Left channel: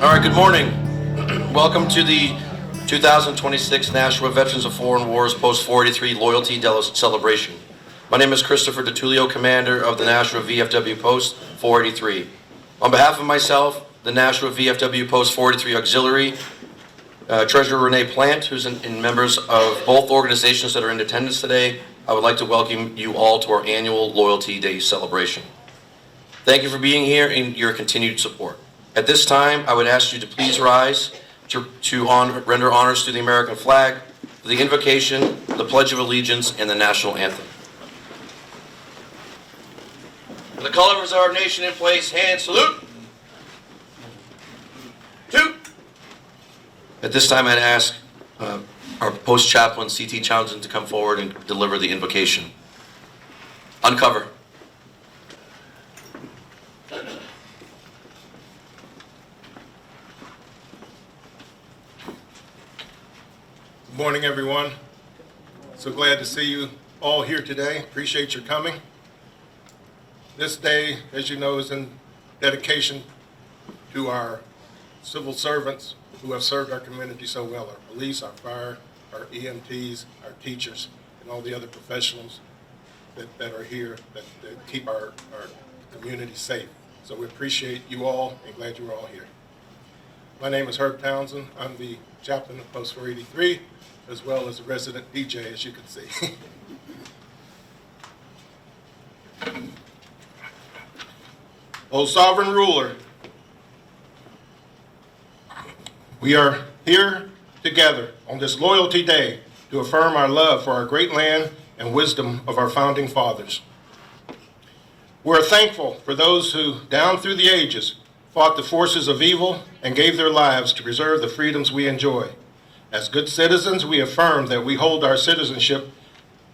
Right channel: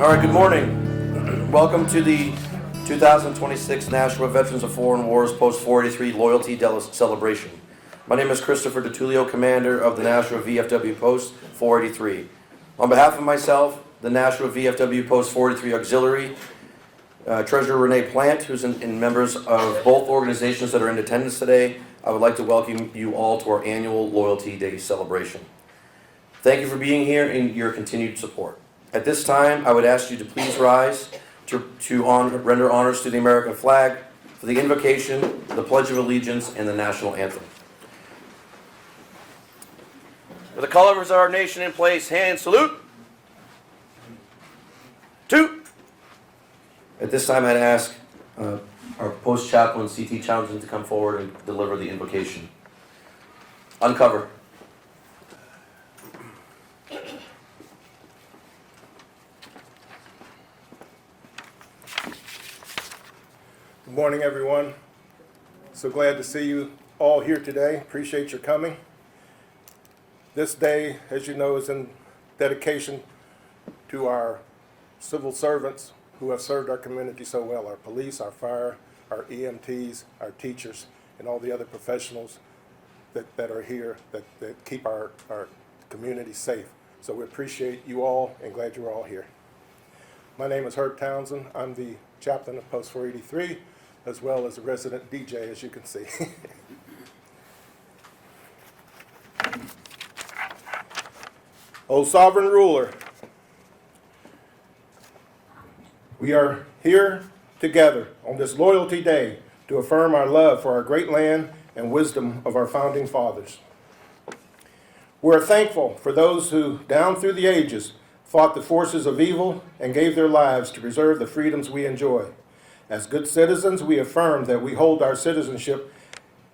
All right, good morning. Welcome to the 2026 Nashua Veterans of Foreign Wars Post 483 Loyalty Celebration. My name is Christopher DeTulio, commander of the Nashua VFW Post 483. On behalf of myself, the Nashua VFW Post 483 Auxiliary, Treasurer Renee Plant, who's in members of both organizations that are in attendance today, I would like to welcome you all to our annual Loyalty Day celebration. Thank you for being here and your continued support. At this time, I would ask you to please rise to render honors to the American flag, for the invocation, the Pledge of Allegiance, and the national anthem. With the colors of our nation in place, hand salute. Toot. At this time, I'd ask our post chaplain, C.T. Townsend, to come forward and deliver the invocation. Uncover. Good morning, everyone. So glad to see you all here today. Appreciate your coming. This day, as you know, is in dedication to our civil servants who have served our community so well, our police, our fire, our EMTs, our teachers, and all the other professionals that are here that keep our community safe. So we appreciate you all and glad you're all here. My name is Herb Townsend. I'm the chaplain of Post 483, as well as a resident DJ, as you can see. O sovereign ruler, we are here together on this Loyalty Day to affirm our love for our great land and wisdom of our founding fathers. We're thankful for those who, down through the ages, fought the forces of evil and gave their lives to preserve the freedoms we enjoy. As good citizens, we affirm that we hold our citizenship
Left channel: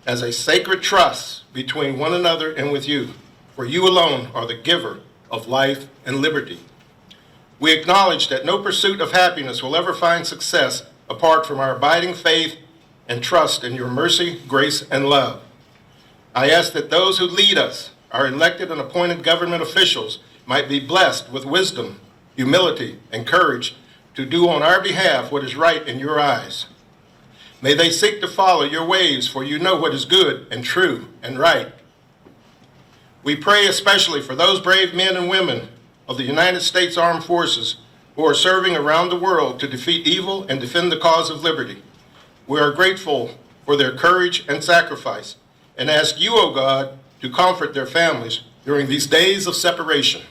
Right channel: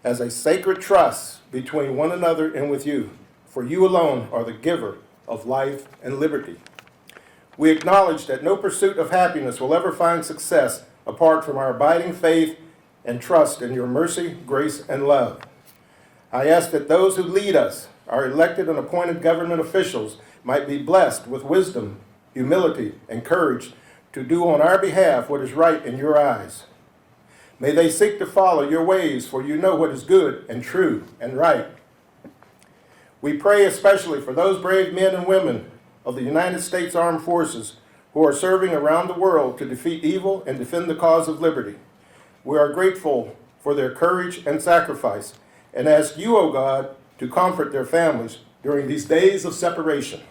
as a sacred trust between one another and with you, for you alone are the giver of life and liberty. We acknowledge that no pursuit of happiness will ever find success apart from our abiding faith and trust in your mercy, grace, and love. I ask that those who lead us, our elected and appointed government officials, might be blessed with wisdom, humility, and courage to do on our behalf what is right in your eyes. May they seek to follow your ways, for you know what is good and true and right. We pray especially for those brave men and women of the United States Armed Forces who are serving around the world to defeat evil and defend the cause of liberty. We are grateful for their courage and sacrifice and ask you, O God, to comfort their families during these days of separation.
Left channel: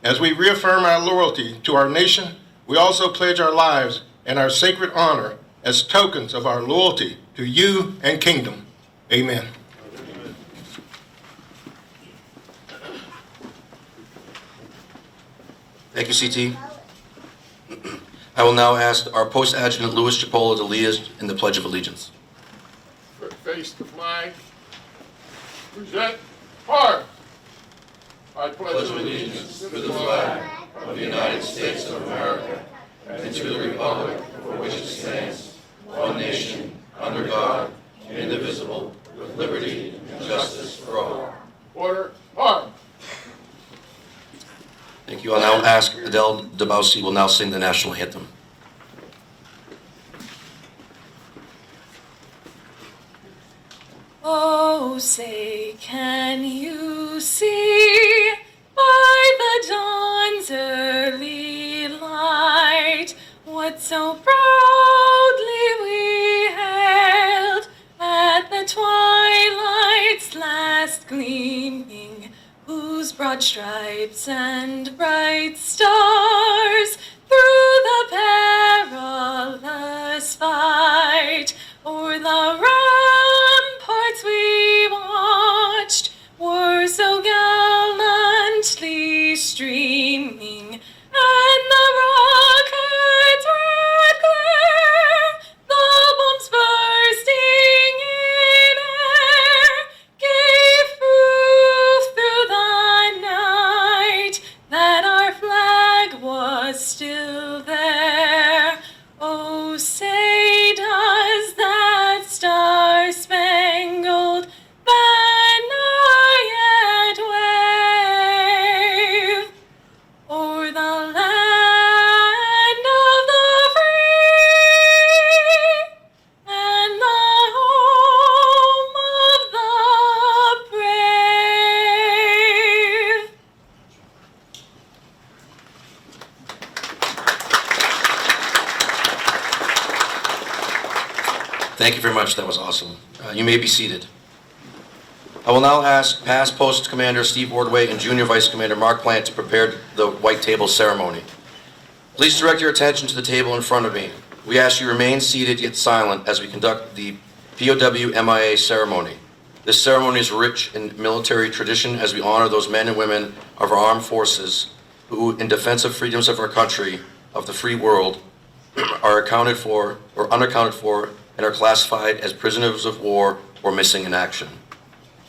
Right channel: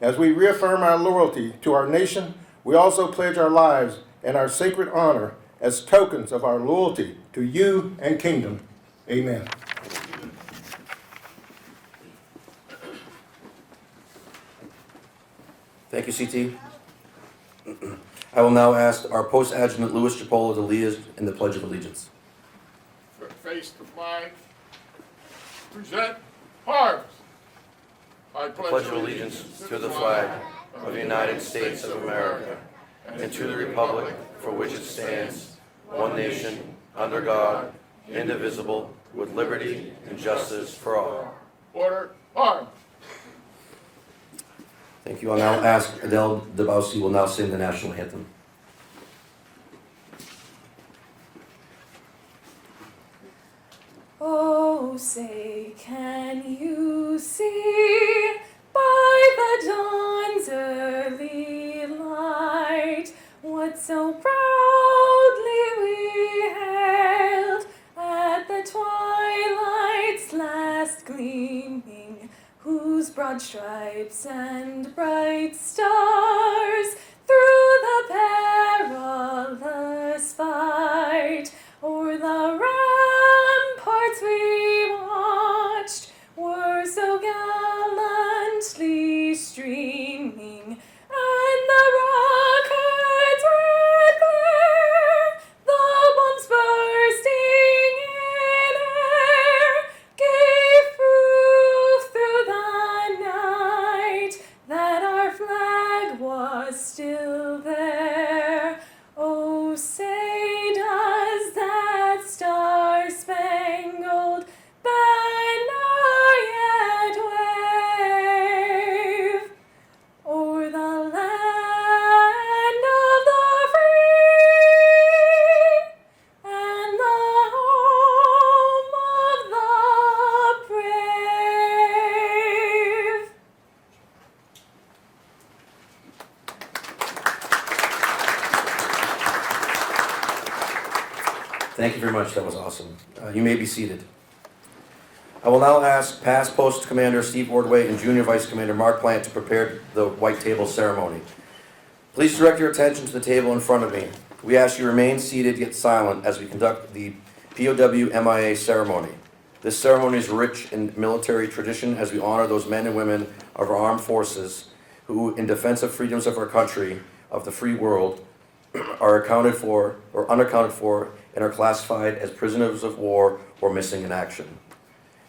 As we reaffirm our loyalty to our nation, we also pledge our lives and our sacred honor as tokens of our loyalty to you and kingdom. Amen. Thank you, CT. I will now ask our Post Adjutant Louis Chipola to lead us in the Pledge of Allegiance. Face the flag. Present arms. I Pledge allegiance to the flag of the United States of America and to the republic for which it stands, one nation, under God, indivisible, with liberty and justice for all. Order. Arms. Thank you. I'll now ask Adele Debausi will now sing the national anthem. Oh, say, can you see by the dawn's early light what so proudly we hailed at the twilight's last gleaming, whose broad stripes and bright stars through the perilous fight o'er the ramparts we watched were so gallantly streaming, and the rockets' red glare, the bombs bursting in air, gave proof through the night that our flag was much. That was awesome. You may be seated. I will now ask past Post Commander Steve Ordway and Junior Vice Commander Mark Plant to prepare the white table ceremony. Please direct your attention to the table in front of me. We ask you remain seated yet silent as we conduct the POW MIA ceremony. This ceremony is rich in military tradition as we honor those men and women of our armed forces who, in defense of freedoms of our country, of the free world, are accounted for or unaccounted for and are classified as prisoners of war or missing in action.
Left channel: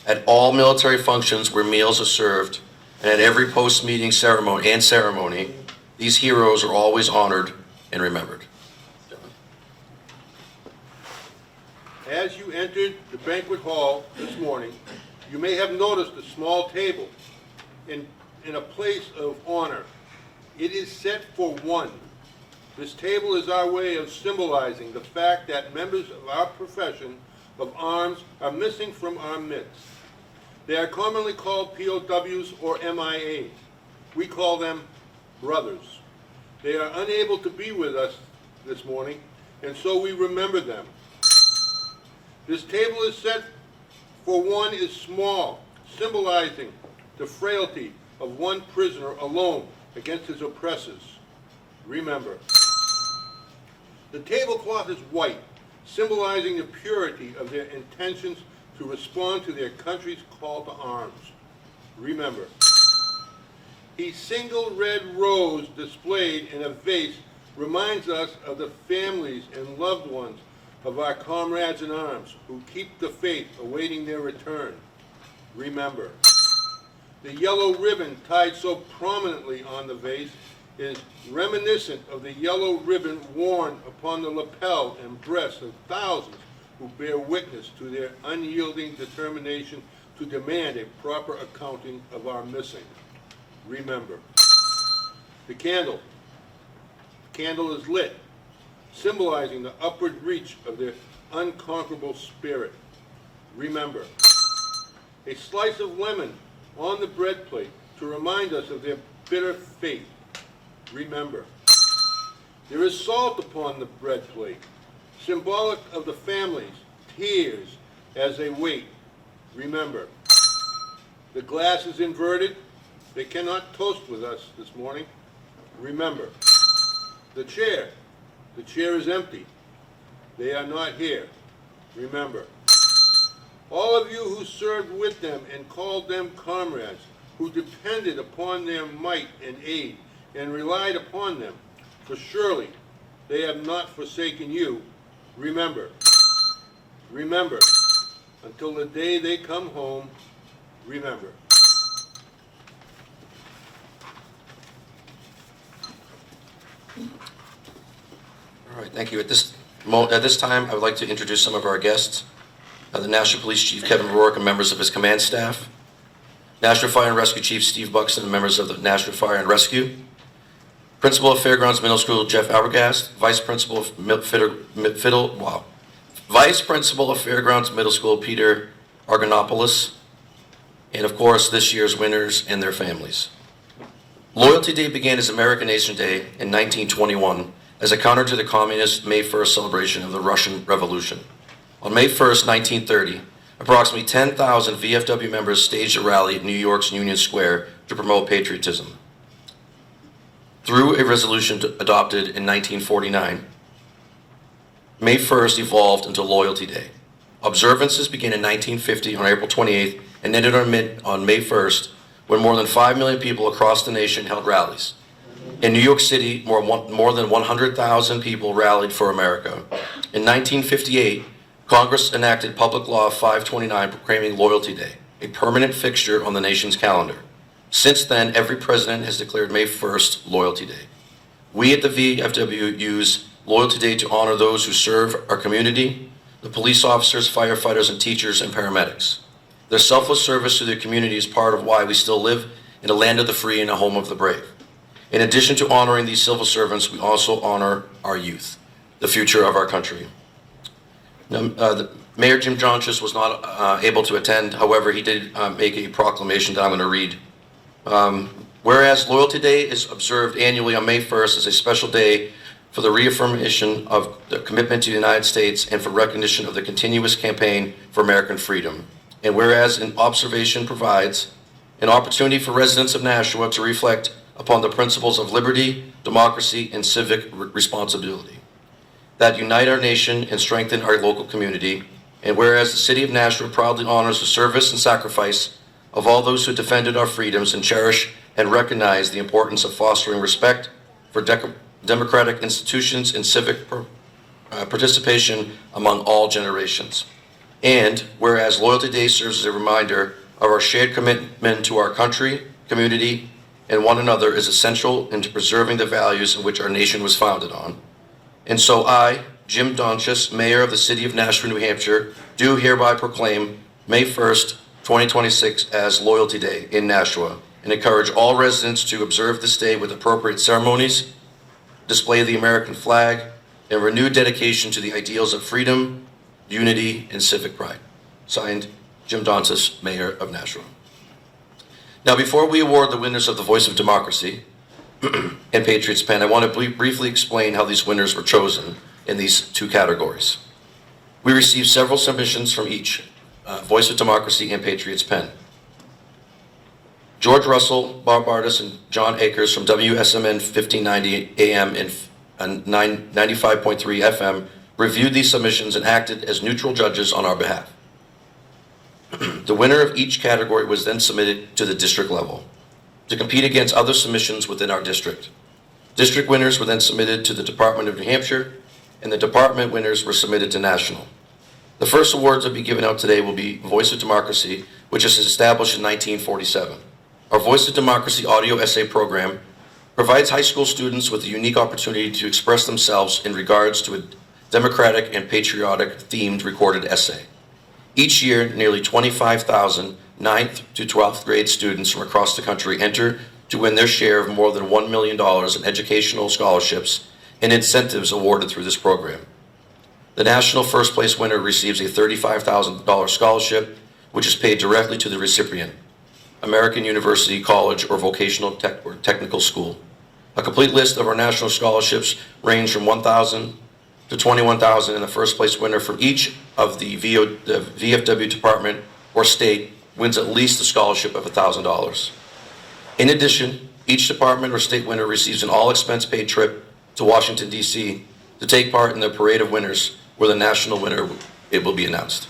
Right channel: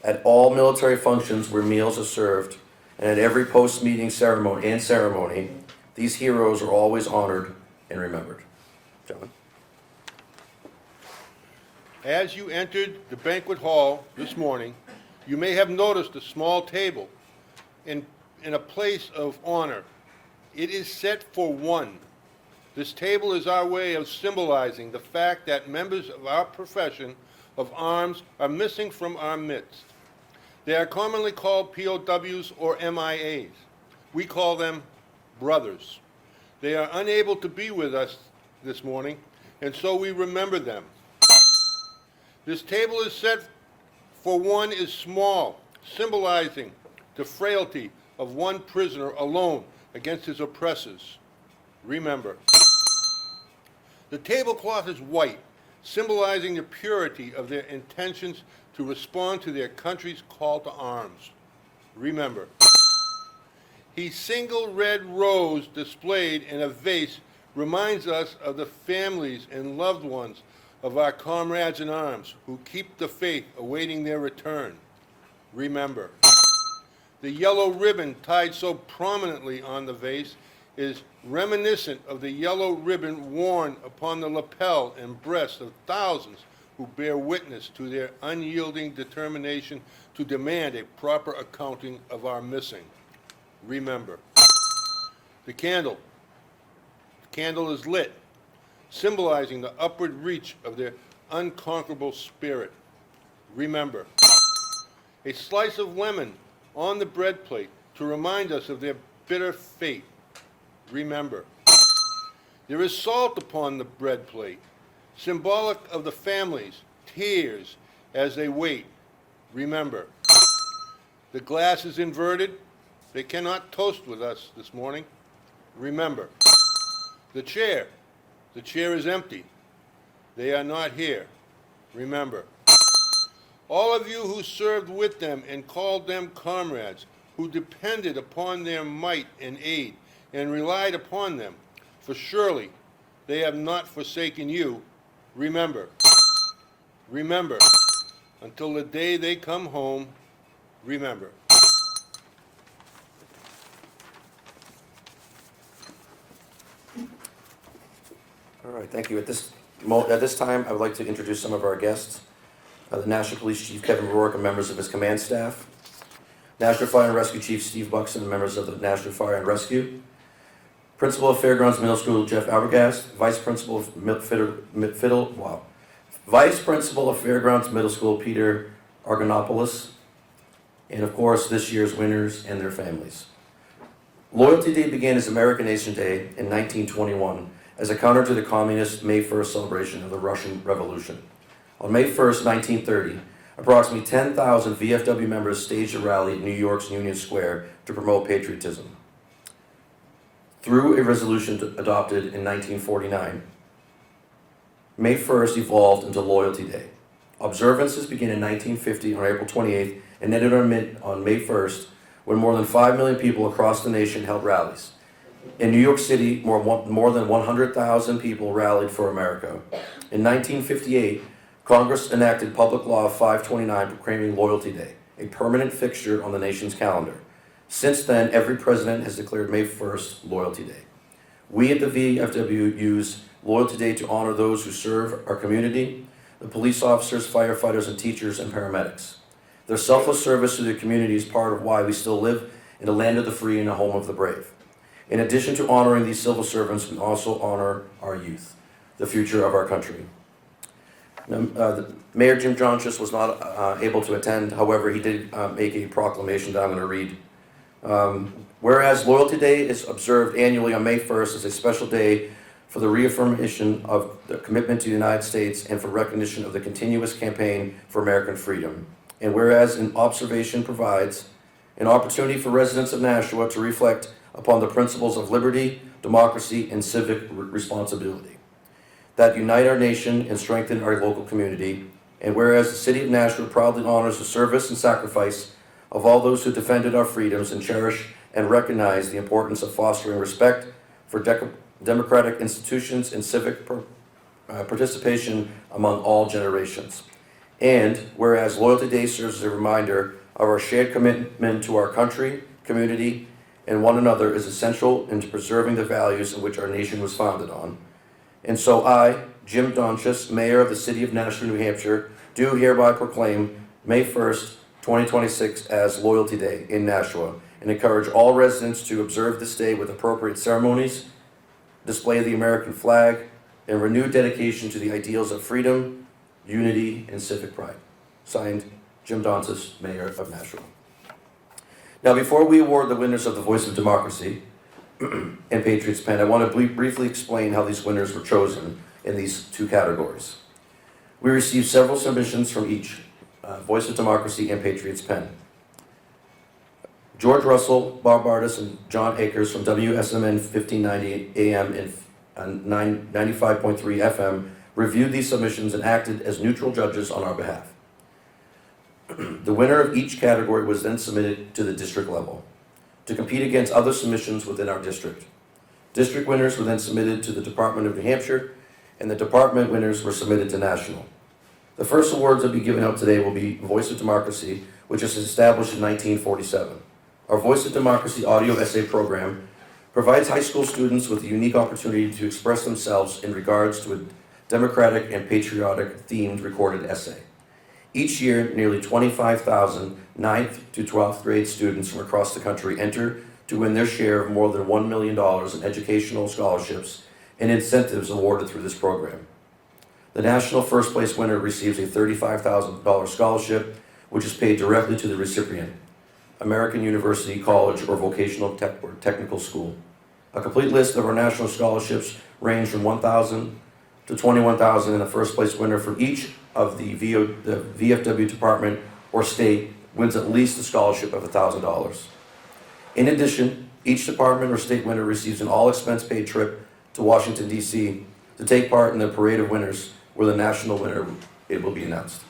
At all military functions where meals are served, and at every post-meeting ceremony, these heroes are always honored and remembered. Gentlemen. As you entered the banquet hall this morning, you may have noticed a small table in a place of honor. It is set for one. This table is our way of symbolizing the fact that members of our profession of arms are missing from our midst. They are commonly called POWs or MIAs. We call them brothers. They are unable to be with us this morning, and so we remember them. This table is set for one is small, symbolizing the frailty of one prisoner alone against his oppressors. Remember. The tablecloth is white, symbolizing the purity of their intentions to respond to their country's call to arms. Remember. A single red rose displayed in a vase reminds us of the families and loved ones of our comrades in arms who keep the faith awaiting their return. Remember. The yellow ribbon tied so prominently on the vase is reminiscent of the yellow ribbon worn upon the lapel and breast of thousands who bear witness to their unyielding determination to demand a proper accounting of our missing. Remember. The candle. The candle is lit, symbolizing the upward reach of their unconquerable spirit. Remember. A slice of lemon on the bread plate to remind us of their bitter fate. Remember. There is salt upon the bread plate, symbolic of the families' tears as they wait. Remember. The glass is inverted. They cannot toast with us this morning. Remember. The chair is empty. They are not here. Remember. All of you who served with them and called them comrades, who depended upon their might and aid and relied upon them, for surely they have not forsaken you. Remember. Remember. Until the day they come home, remember. All right, thank you. At this time, I would like to introduce some of our guests. The Nashua Police Chief Kevin Rourke and members of his command staff. Nashua Fire and Rescue Chief Steve Buxton and members of the Nashua Fire and Rescue. Principal of Fairgrounds Middle School Jeff Albergast. Vice Principal of Fairgrounds Middle School Peter Argonopoulos. And of course, this year's winners and their families. Loyalty Day began as American Nation Day in 1921 as a counter to the communist May 1st celebration of the Russian Revolution. On May 1st, 1930, approximately 10,000 VFW members staged a rally at New York's Union Square to promote patriotism. Through a resolution adopted in 1949, May 1st evolved into Loyalty Day. Observances began in 1950 on April 28th and ended on May 1st, when more than 5 million people across the nation held rallies. In New York City, more than 100,000 people rallied for America. In 1958, Congress enacted Public Law 529 proclaiming Loyalty Day, a permanent fixture on the nation's calendar. Since then, every president has declared May 1st Loyalty Day. We at the VFW use Loyalty Day to honor those who serve our community, the police officers, firefighters, and teachers and paramedics. Their selfless service to their community is part of why we still live in a land of the free and a home of the brave. In addition to honoring these civil servants, we also honor our youth, the future of our country. Now, Mayor Jim Johnchus was not able to attend. However, he did make a proclamation that I'm going to read. Whereas Loyalty Day is observed annually on May 1st as a special day for the reaffirmation of the commitment to the United States and for recognition of the continuous campaign for American freedom. And whereas an observation provides an opportunity for residents of Nashua to reflect upon the principles of liberty, democracy, and civic responsibility that unite our nation and strengthen our local community. And whereas the City of Nashua proudly honors the service and sacrifice of all those who defended our freedoms and cherish and recognize the importance of fostering respect for democratic institutions and civic participation among all generations. And whereas Loyalty Day serves as a reminder of our shared commitment to our country, community, and one another is essential into preserving the values in which our nation was founded on. And so I, Jim Donchis, Mayor of the City of Nashua, New Hampshire, do hereby proclaim May 1st, 2026 as Loyalty Day in Nashua, and encourage all residents to observe this day with appropriate ceremonies, display the American flag, and renewed dedication to the ideals of freedom, unity, and civic pride. Signed, Jim Donchis, Mayor of Nashua. Now, before we award the winners of the Voice of Democracy and Patriots Pen, I want to briefly explain how these winners were chosen in these two categories. We received several submissions from each, Voice of Democracy and Patriots Pen. George Russell, Bob Artis, and John Akers from WSMN 1590 AM and 95.3 FM reviewed these submissions and acted as neutral judges on our behalf. The winner of each category was then submitted to the district level to compete against other submissions within our district. District winners were then submitted to the Department of New Hampshire, and the department winners were submitted to national. The first awards to be given out today will be Voice of Democracy, which was established in 1947. Our Voice of Democracy audio essay program provides high school students with a unique opportunity to express themselves in regards to a democratic and patriotic themed recorded essay. Each year, nearly 25,000 9th to 12th grade students from across the country enter to win their share of more than $1 million in educational scholarships and incentives awarded through this program. The national first place winner receives a $35,000 scholarship, which is paid directly to the recipient, American University, College, or Vocational or Technical School. A complete list of our national scholarships range from $1,000 to $21,000, and the first place winner from each of the VFW department or state wins at least a scholarship of $1,000. In addition, each department or state winner receives an all-expense-paid trip to Washington, D.C. to take part in the Parade of Winners, where the national winner will be announced.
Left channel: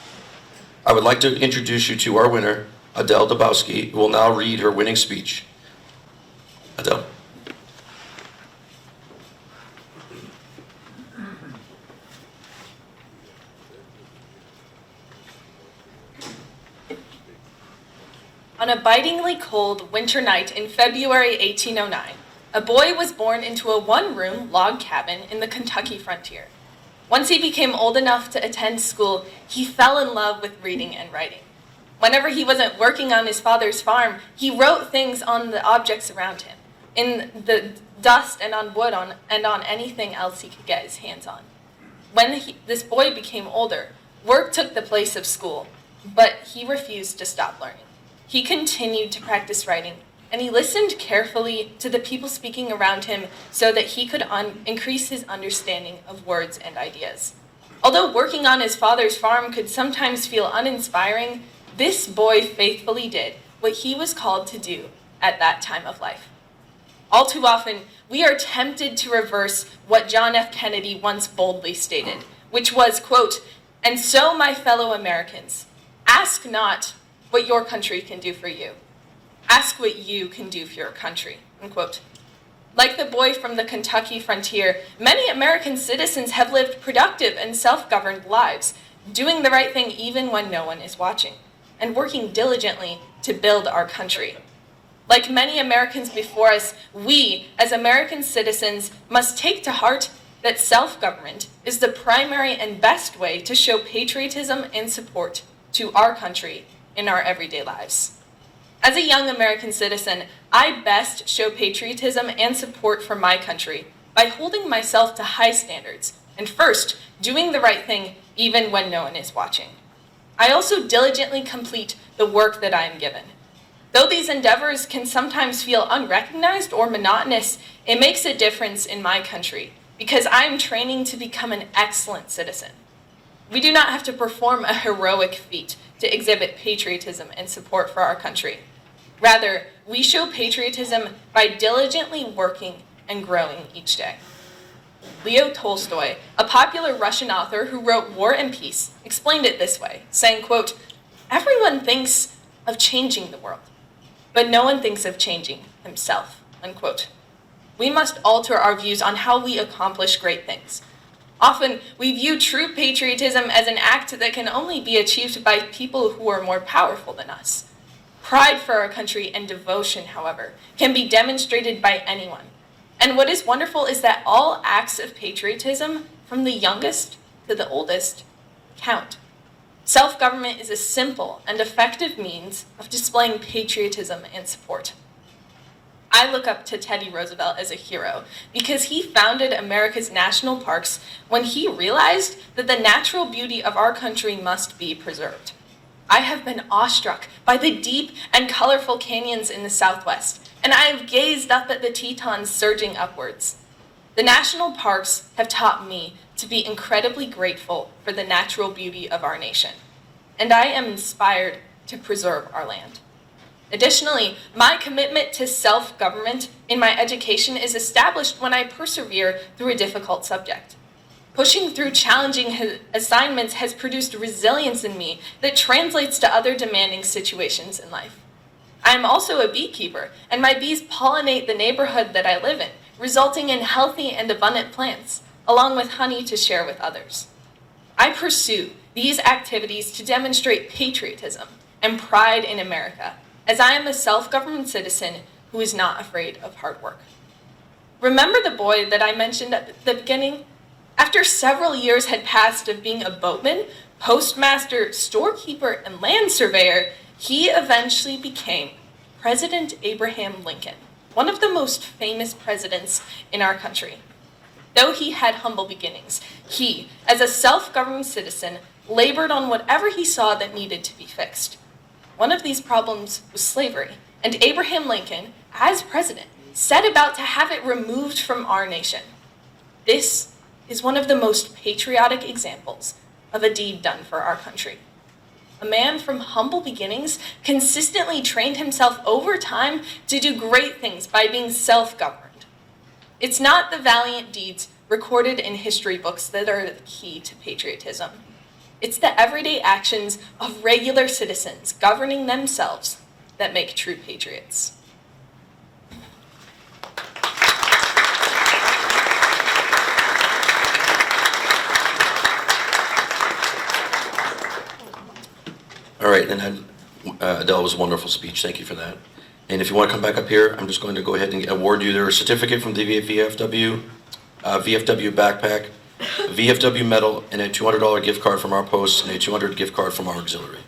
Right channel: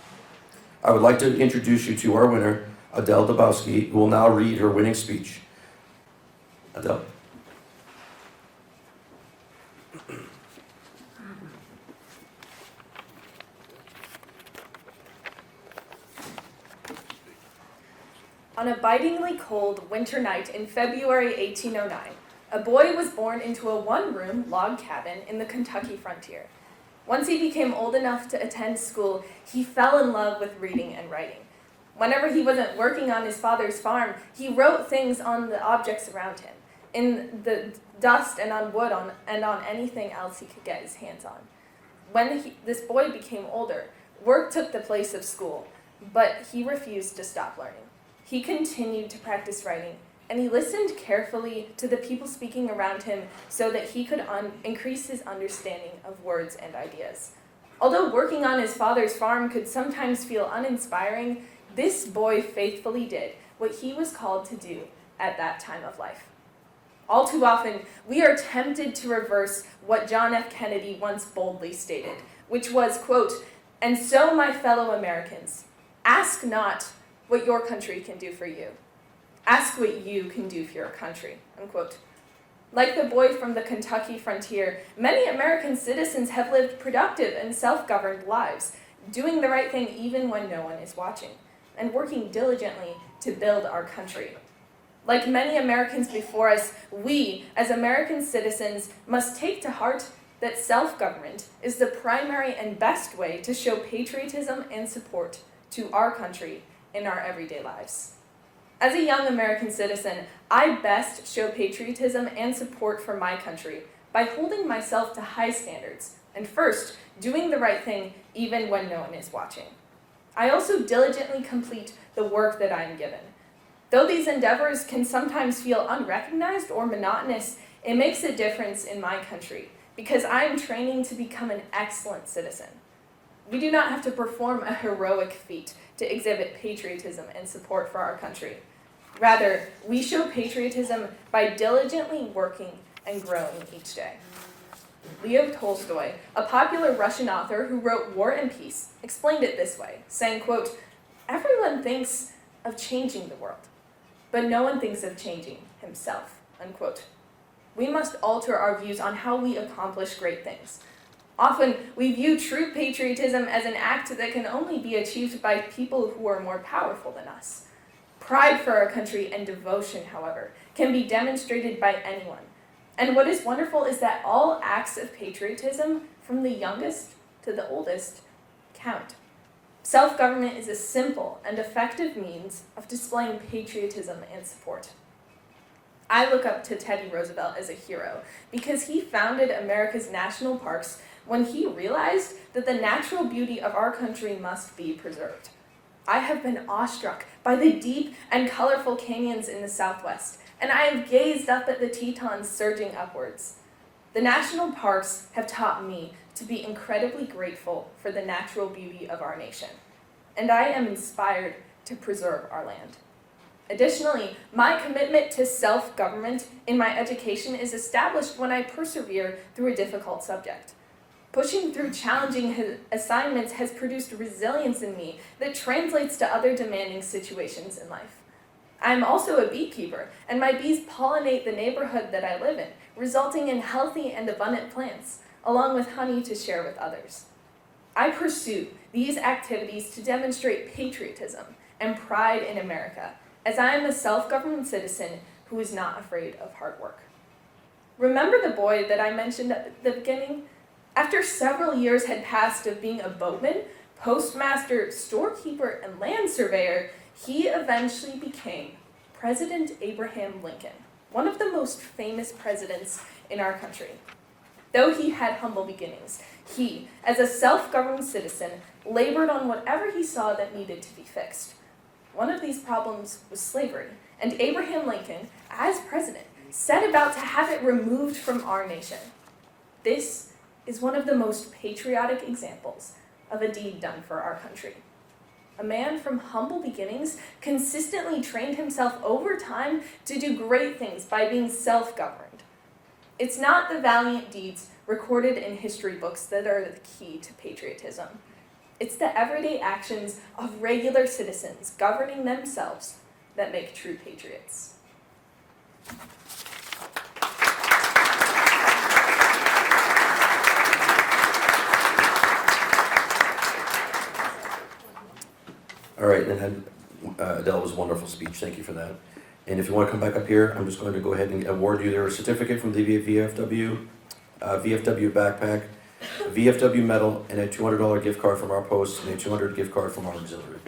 I would like to introduce you to our winner, Adele Dabowski, who will now read her winning speech. Adele. On a bitingly cold winter night in February 1809, a boy was born into a one-room log cabin in the Kentucky frontier. Once he became old enough to attend school, he fell in love with reading and writing. Whenever he wasn't working on his father's farm, he wrote things on the objects around him, in the dust and on wood and on anything else he could get his hands on. When this boy became older, work took the place of school, but he refused to stop learning. He continued to practice writing, and he listened carefully to the people speaking around him so that he could increase his understanding of words and ideas. Although working on his father's farm could sometimes feel uninspiring, this boy faithfully did what he was called to do at that time of life. All too often, we are tempted to reverse what John F. Kennedy once boldly stated, which was, quote, "And so, my fellow Americans, ask not what your country can do for you. Ask what you can do for your country," unquote. Like the boy from the Kentucky frontier, many American citizens have lived productive and self-governed lives, doing the right thing even when no one is watching, and working diligently to build our country. Like many Americans before us, we, as American citizens, must take to heart that self-government is the primary and best way to show patriotism and support to our country in our everyday lives. As a young American citizen, I best show patriotism and support for my country by holding myself to high standards and first, doing the right thing even when no one is watching. I also diligently complete the work that I am given. Though these endeavors can sometimes feel unrecognized or monotonous, it makes a difference in my country because I am training to become an excellent citizen. We do not have to perform a heroic feat to exhibit patriotism and support for our country. Rather, we show patriotism by diligently working and growing each day. Leo Tolstoy, a popular Russian author who wrote War and Peace, explained it this way, saying, quote, "Everyone thinks of changing the world, but no one thinks of changing himself," unquote. We must alter our views on how we accomplish great things. Often, we view true patriotism as an act that can only be achieved by people who are more powerful than us. Pride for our country and devotion, however, can be demonstrated by anyone. And what is wonderful is that all acts of patriotism, from the youngest to the oldest, count. Self-government is a simple and effective means of displaying patriotism and support. I look up to Teddy Roosevelt as a hero because he founded America's national parks when he realized that the natural beauty of our country must be preserved. I have been awestruck by the deep and colorful canyons in the Southwest, and I have gazed up at the Tetons surging upwards. The national parks have taught me to be incredibly grateful for the natural beauty of our nation, and I am inspired to preserve our land. Additionally, my commitment to self-government in my education is established when I persevere through a difficult subject. Pushing through challenging assignments has produced resilience in me that translates to other demanding situations in life. I am also a beekeeper, and my bees pollinate the neighborhood that I live in, resulting in healthy and abundant plants, along with honey to share with others. I pursue these activities to demonstrate patriotism and pride in America, as I am a self-governed citizen who is not afraid of hard work. Remember the boy that I mentioned at the beginning? After several years had passed of being a boatman, postmaster, storekeeper, and land surveyor, he eventually became President Abraham Lincoln, one of the most famous presidents in our country. Though he had humble beginnings, he, as a self-governed citizen, labored on whatever he saw that needed to be fixed. One of these problems was slavery, and Abraham Lincoln, as president, set about to have it removed from our nation. This is one of the most patriotic examples of a deed done for our country. A man from humble beginnings consistently trained himself over time to do great things by being self-governed. It's not the valiant deeds recorded in history books that are the key to patriotism. It's the everyday actions of regular citizens governing themselves that make true patriots. All right, and then Adele was a wonderful speech. Thank you for that. And if you want to come back up here, I'm just going to go ahead and award you their certificate from the VFW, VFW backpack, VFW medal, and a $200 gift card from our post, and a $200 gift card from our auxiliary.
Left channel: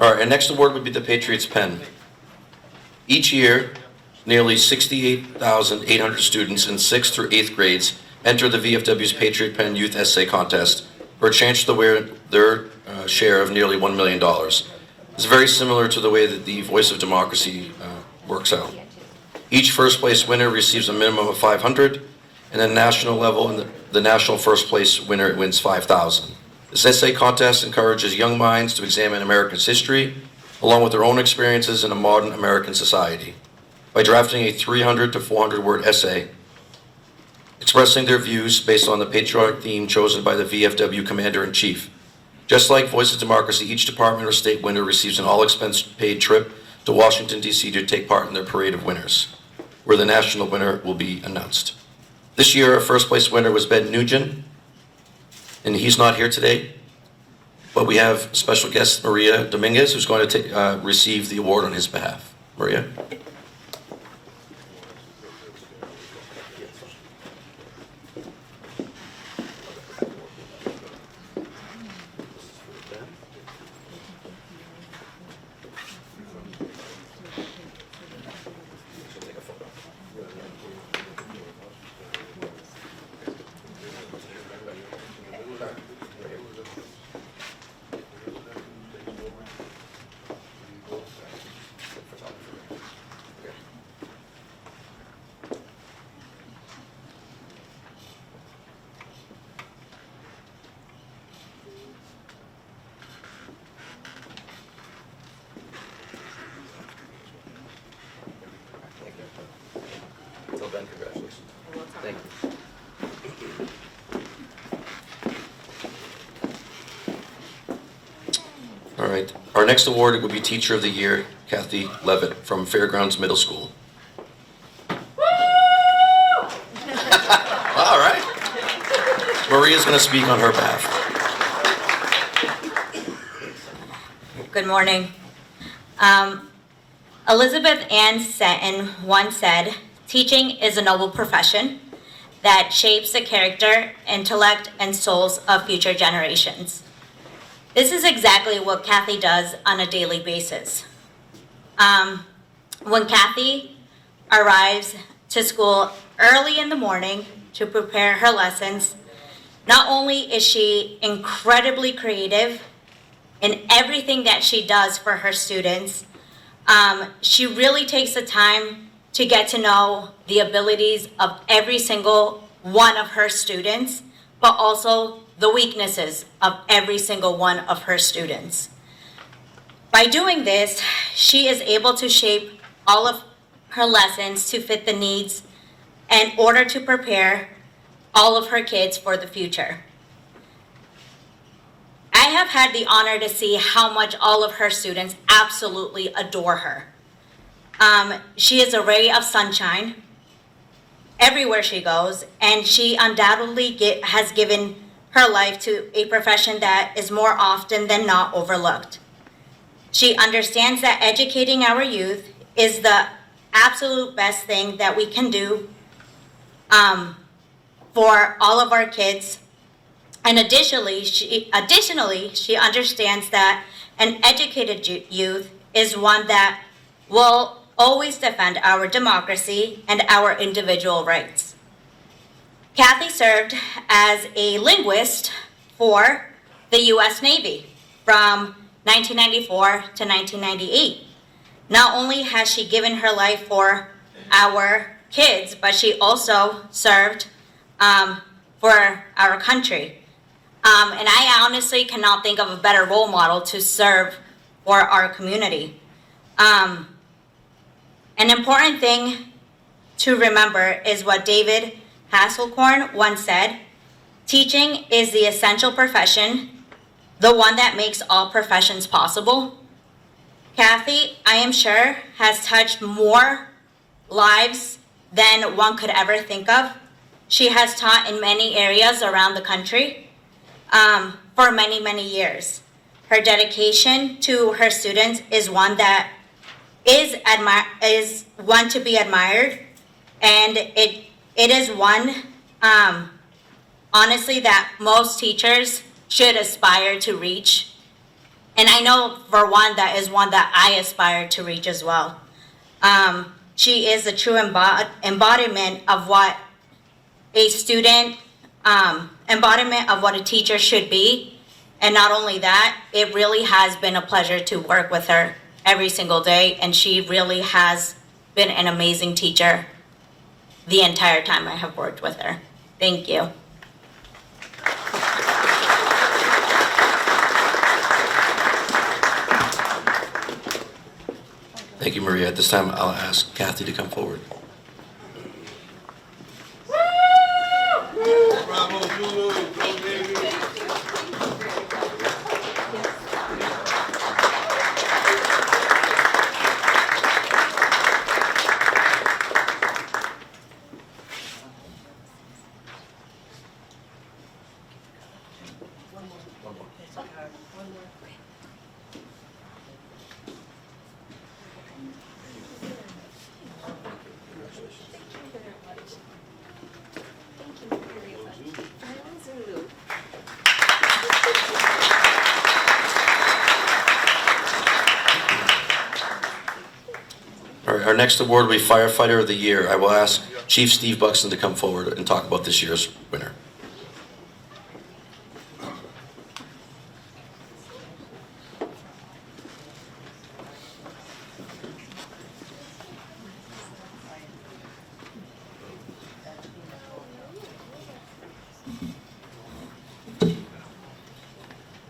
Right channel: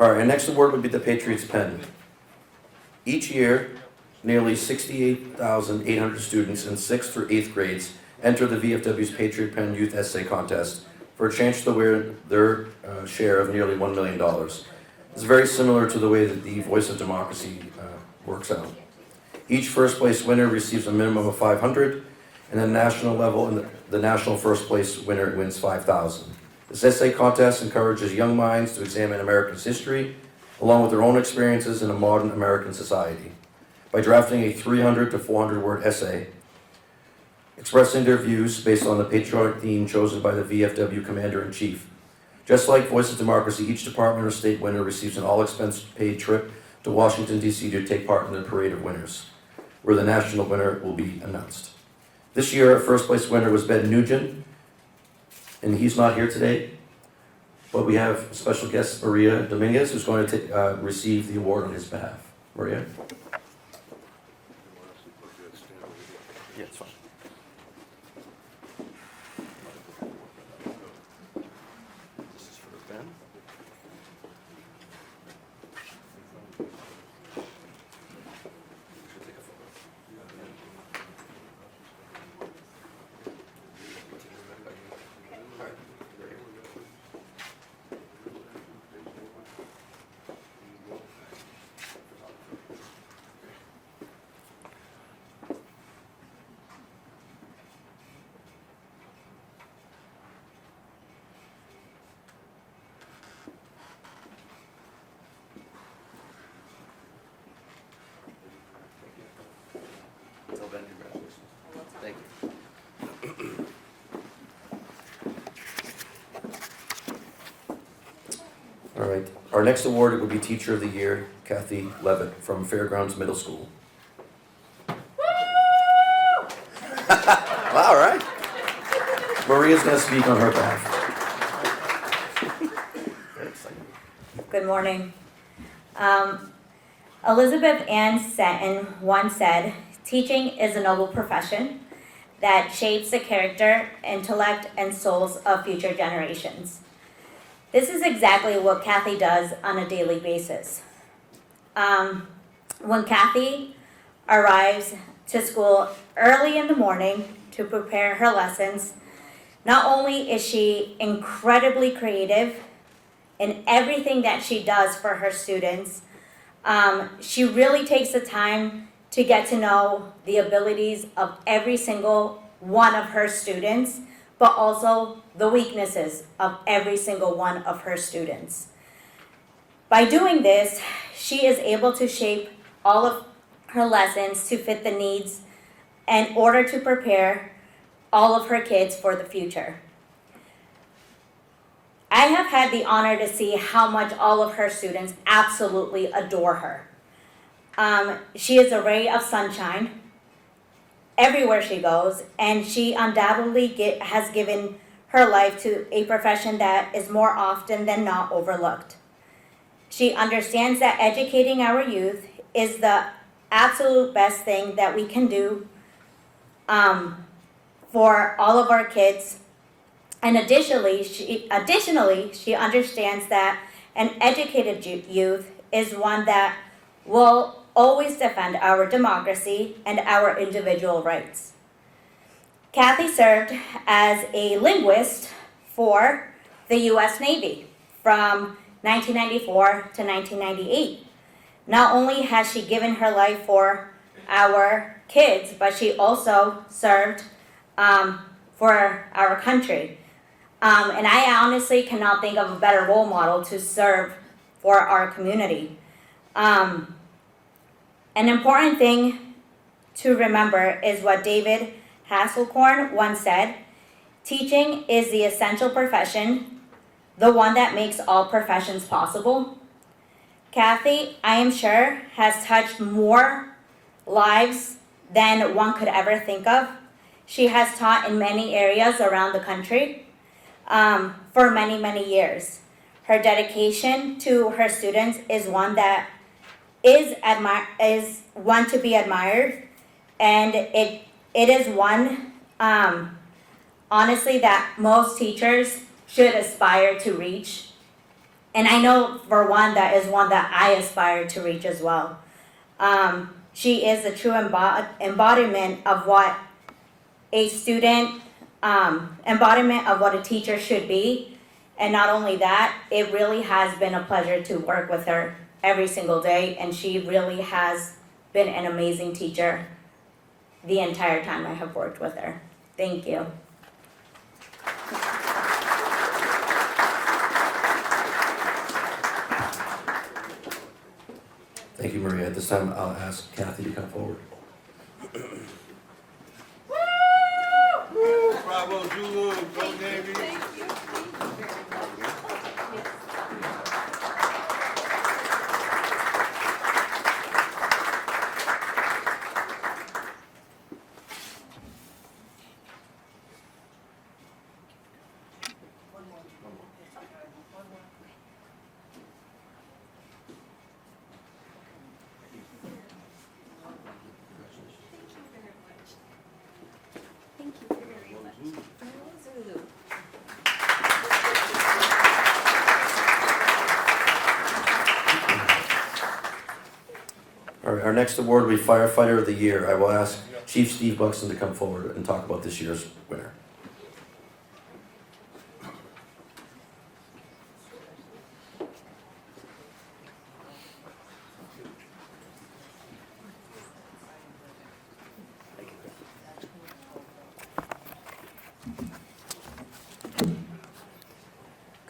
All right, our next award would be the Patriots Pen. Each year, nearly 68,800 students in 6th through 8th grades enter the VFW's Patriot Pen Youth Essay Contest for a chance to win their share of nearly $1 million. It's very similar to the way that the Voice of Democracy works out. Each first place winner receives a minimum of $500, and at the national level, the national first place winner wins $5,000. This essay contest encourages young minds to examine America's history, along with their own experiences in a modern American society, by drafting a 300 to 400 word essay, expressing their views based on the patriotic theme chosen by the VFW Commander-in-Chief. Just like Voice of Democracy, each department or state winner receives an all-expense-paid trip to Washington, D.C. to take part in their parade of winners, where the national winner will be announced. This year, our first place winner was Ben Nugent, and he's not here today. But we have special guest Maria Dominguez, who's going to receive the award on his behalf. Maria? Tell Ben congratulations. Thank you. All right. Our next award will be Teacher of the Year, Kathy Levitt from Fairgrounds Middle School. All right. Maria's going to speak on her behalf. Good morning. Elizabeth Ann Seton once said, "Teaching is a noble profession that shapes the character, intellect, and souls of future generations." This is exactly what Kathy does on a daily basis. When Kathy arrives to school early in the morning to prepare her lessons, not only is she incredibly creative in everything that she does for her students, she really takes the time to get to know the abilities of every single one of her students, but also the weaknesses of every single one of her students. By doing this, she is able to shape all of her lessons to fit the needs in order to prepare all of her kids for the future. I have had the honor to see how much all of her students absolutely adore her. She is a ray of sunshine everywhere she goes, and she undoubtedly has given her life to a profession that is more often than not overlooked. She understands that educating our youth is the absolute best thing that we can do for all of our kids. And additionally, she understands that an educated youth is one that will always defend our democracy and our individual rights. Kathy served as a linguist for the U.S. Navy from 1994 to 1998. Not only has she given her life for our kids, but she also served for our country. And I honestly cannot think of a better role model to serve for our community. An important thing to remember is what David Hasselcorn once said: "Teaching is the essential profession, the one that makes all professions possible." Kathy, I am sure, has touched more lives than one could ever think of. She has taught in many areas around the country for many, many years. Her dedication to her students is one that is one to be admired, and it is one, honestly, that most teachers should aspire to reach. And I know for one, that is one that I aspire to reach as well. She is a true embodiment of what a student, embodiment of what a teacher should be. And not only that, it really has been a pleasure to work with her every single day, and she really has been an amazing teacher the entire time I have worked with her. Thank you. Thank you, Maria. At this time, I'll ask Kathy to come forward. Bravo, Zulu, go baby. All right, our next award will be Firefighter of the Year. I will ask Chief Steve Buxton to come forward and talk about this year's winner.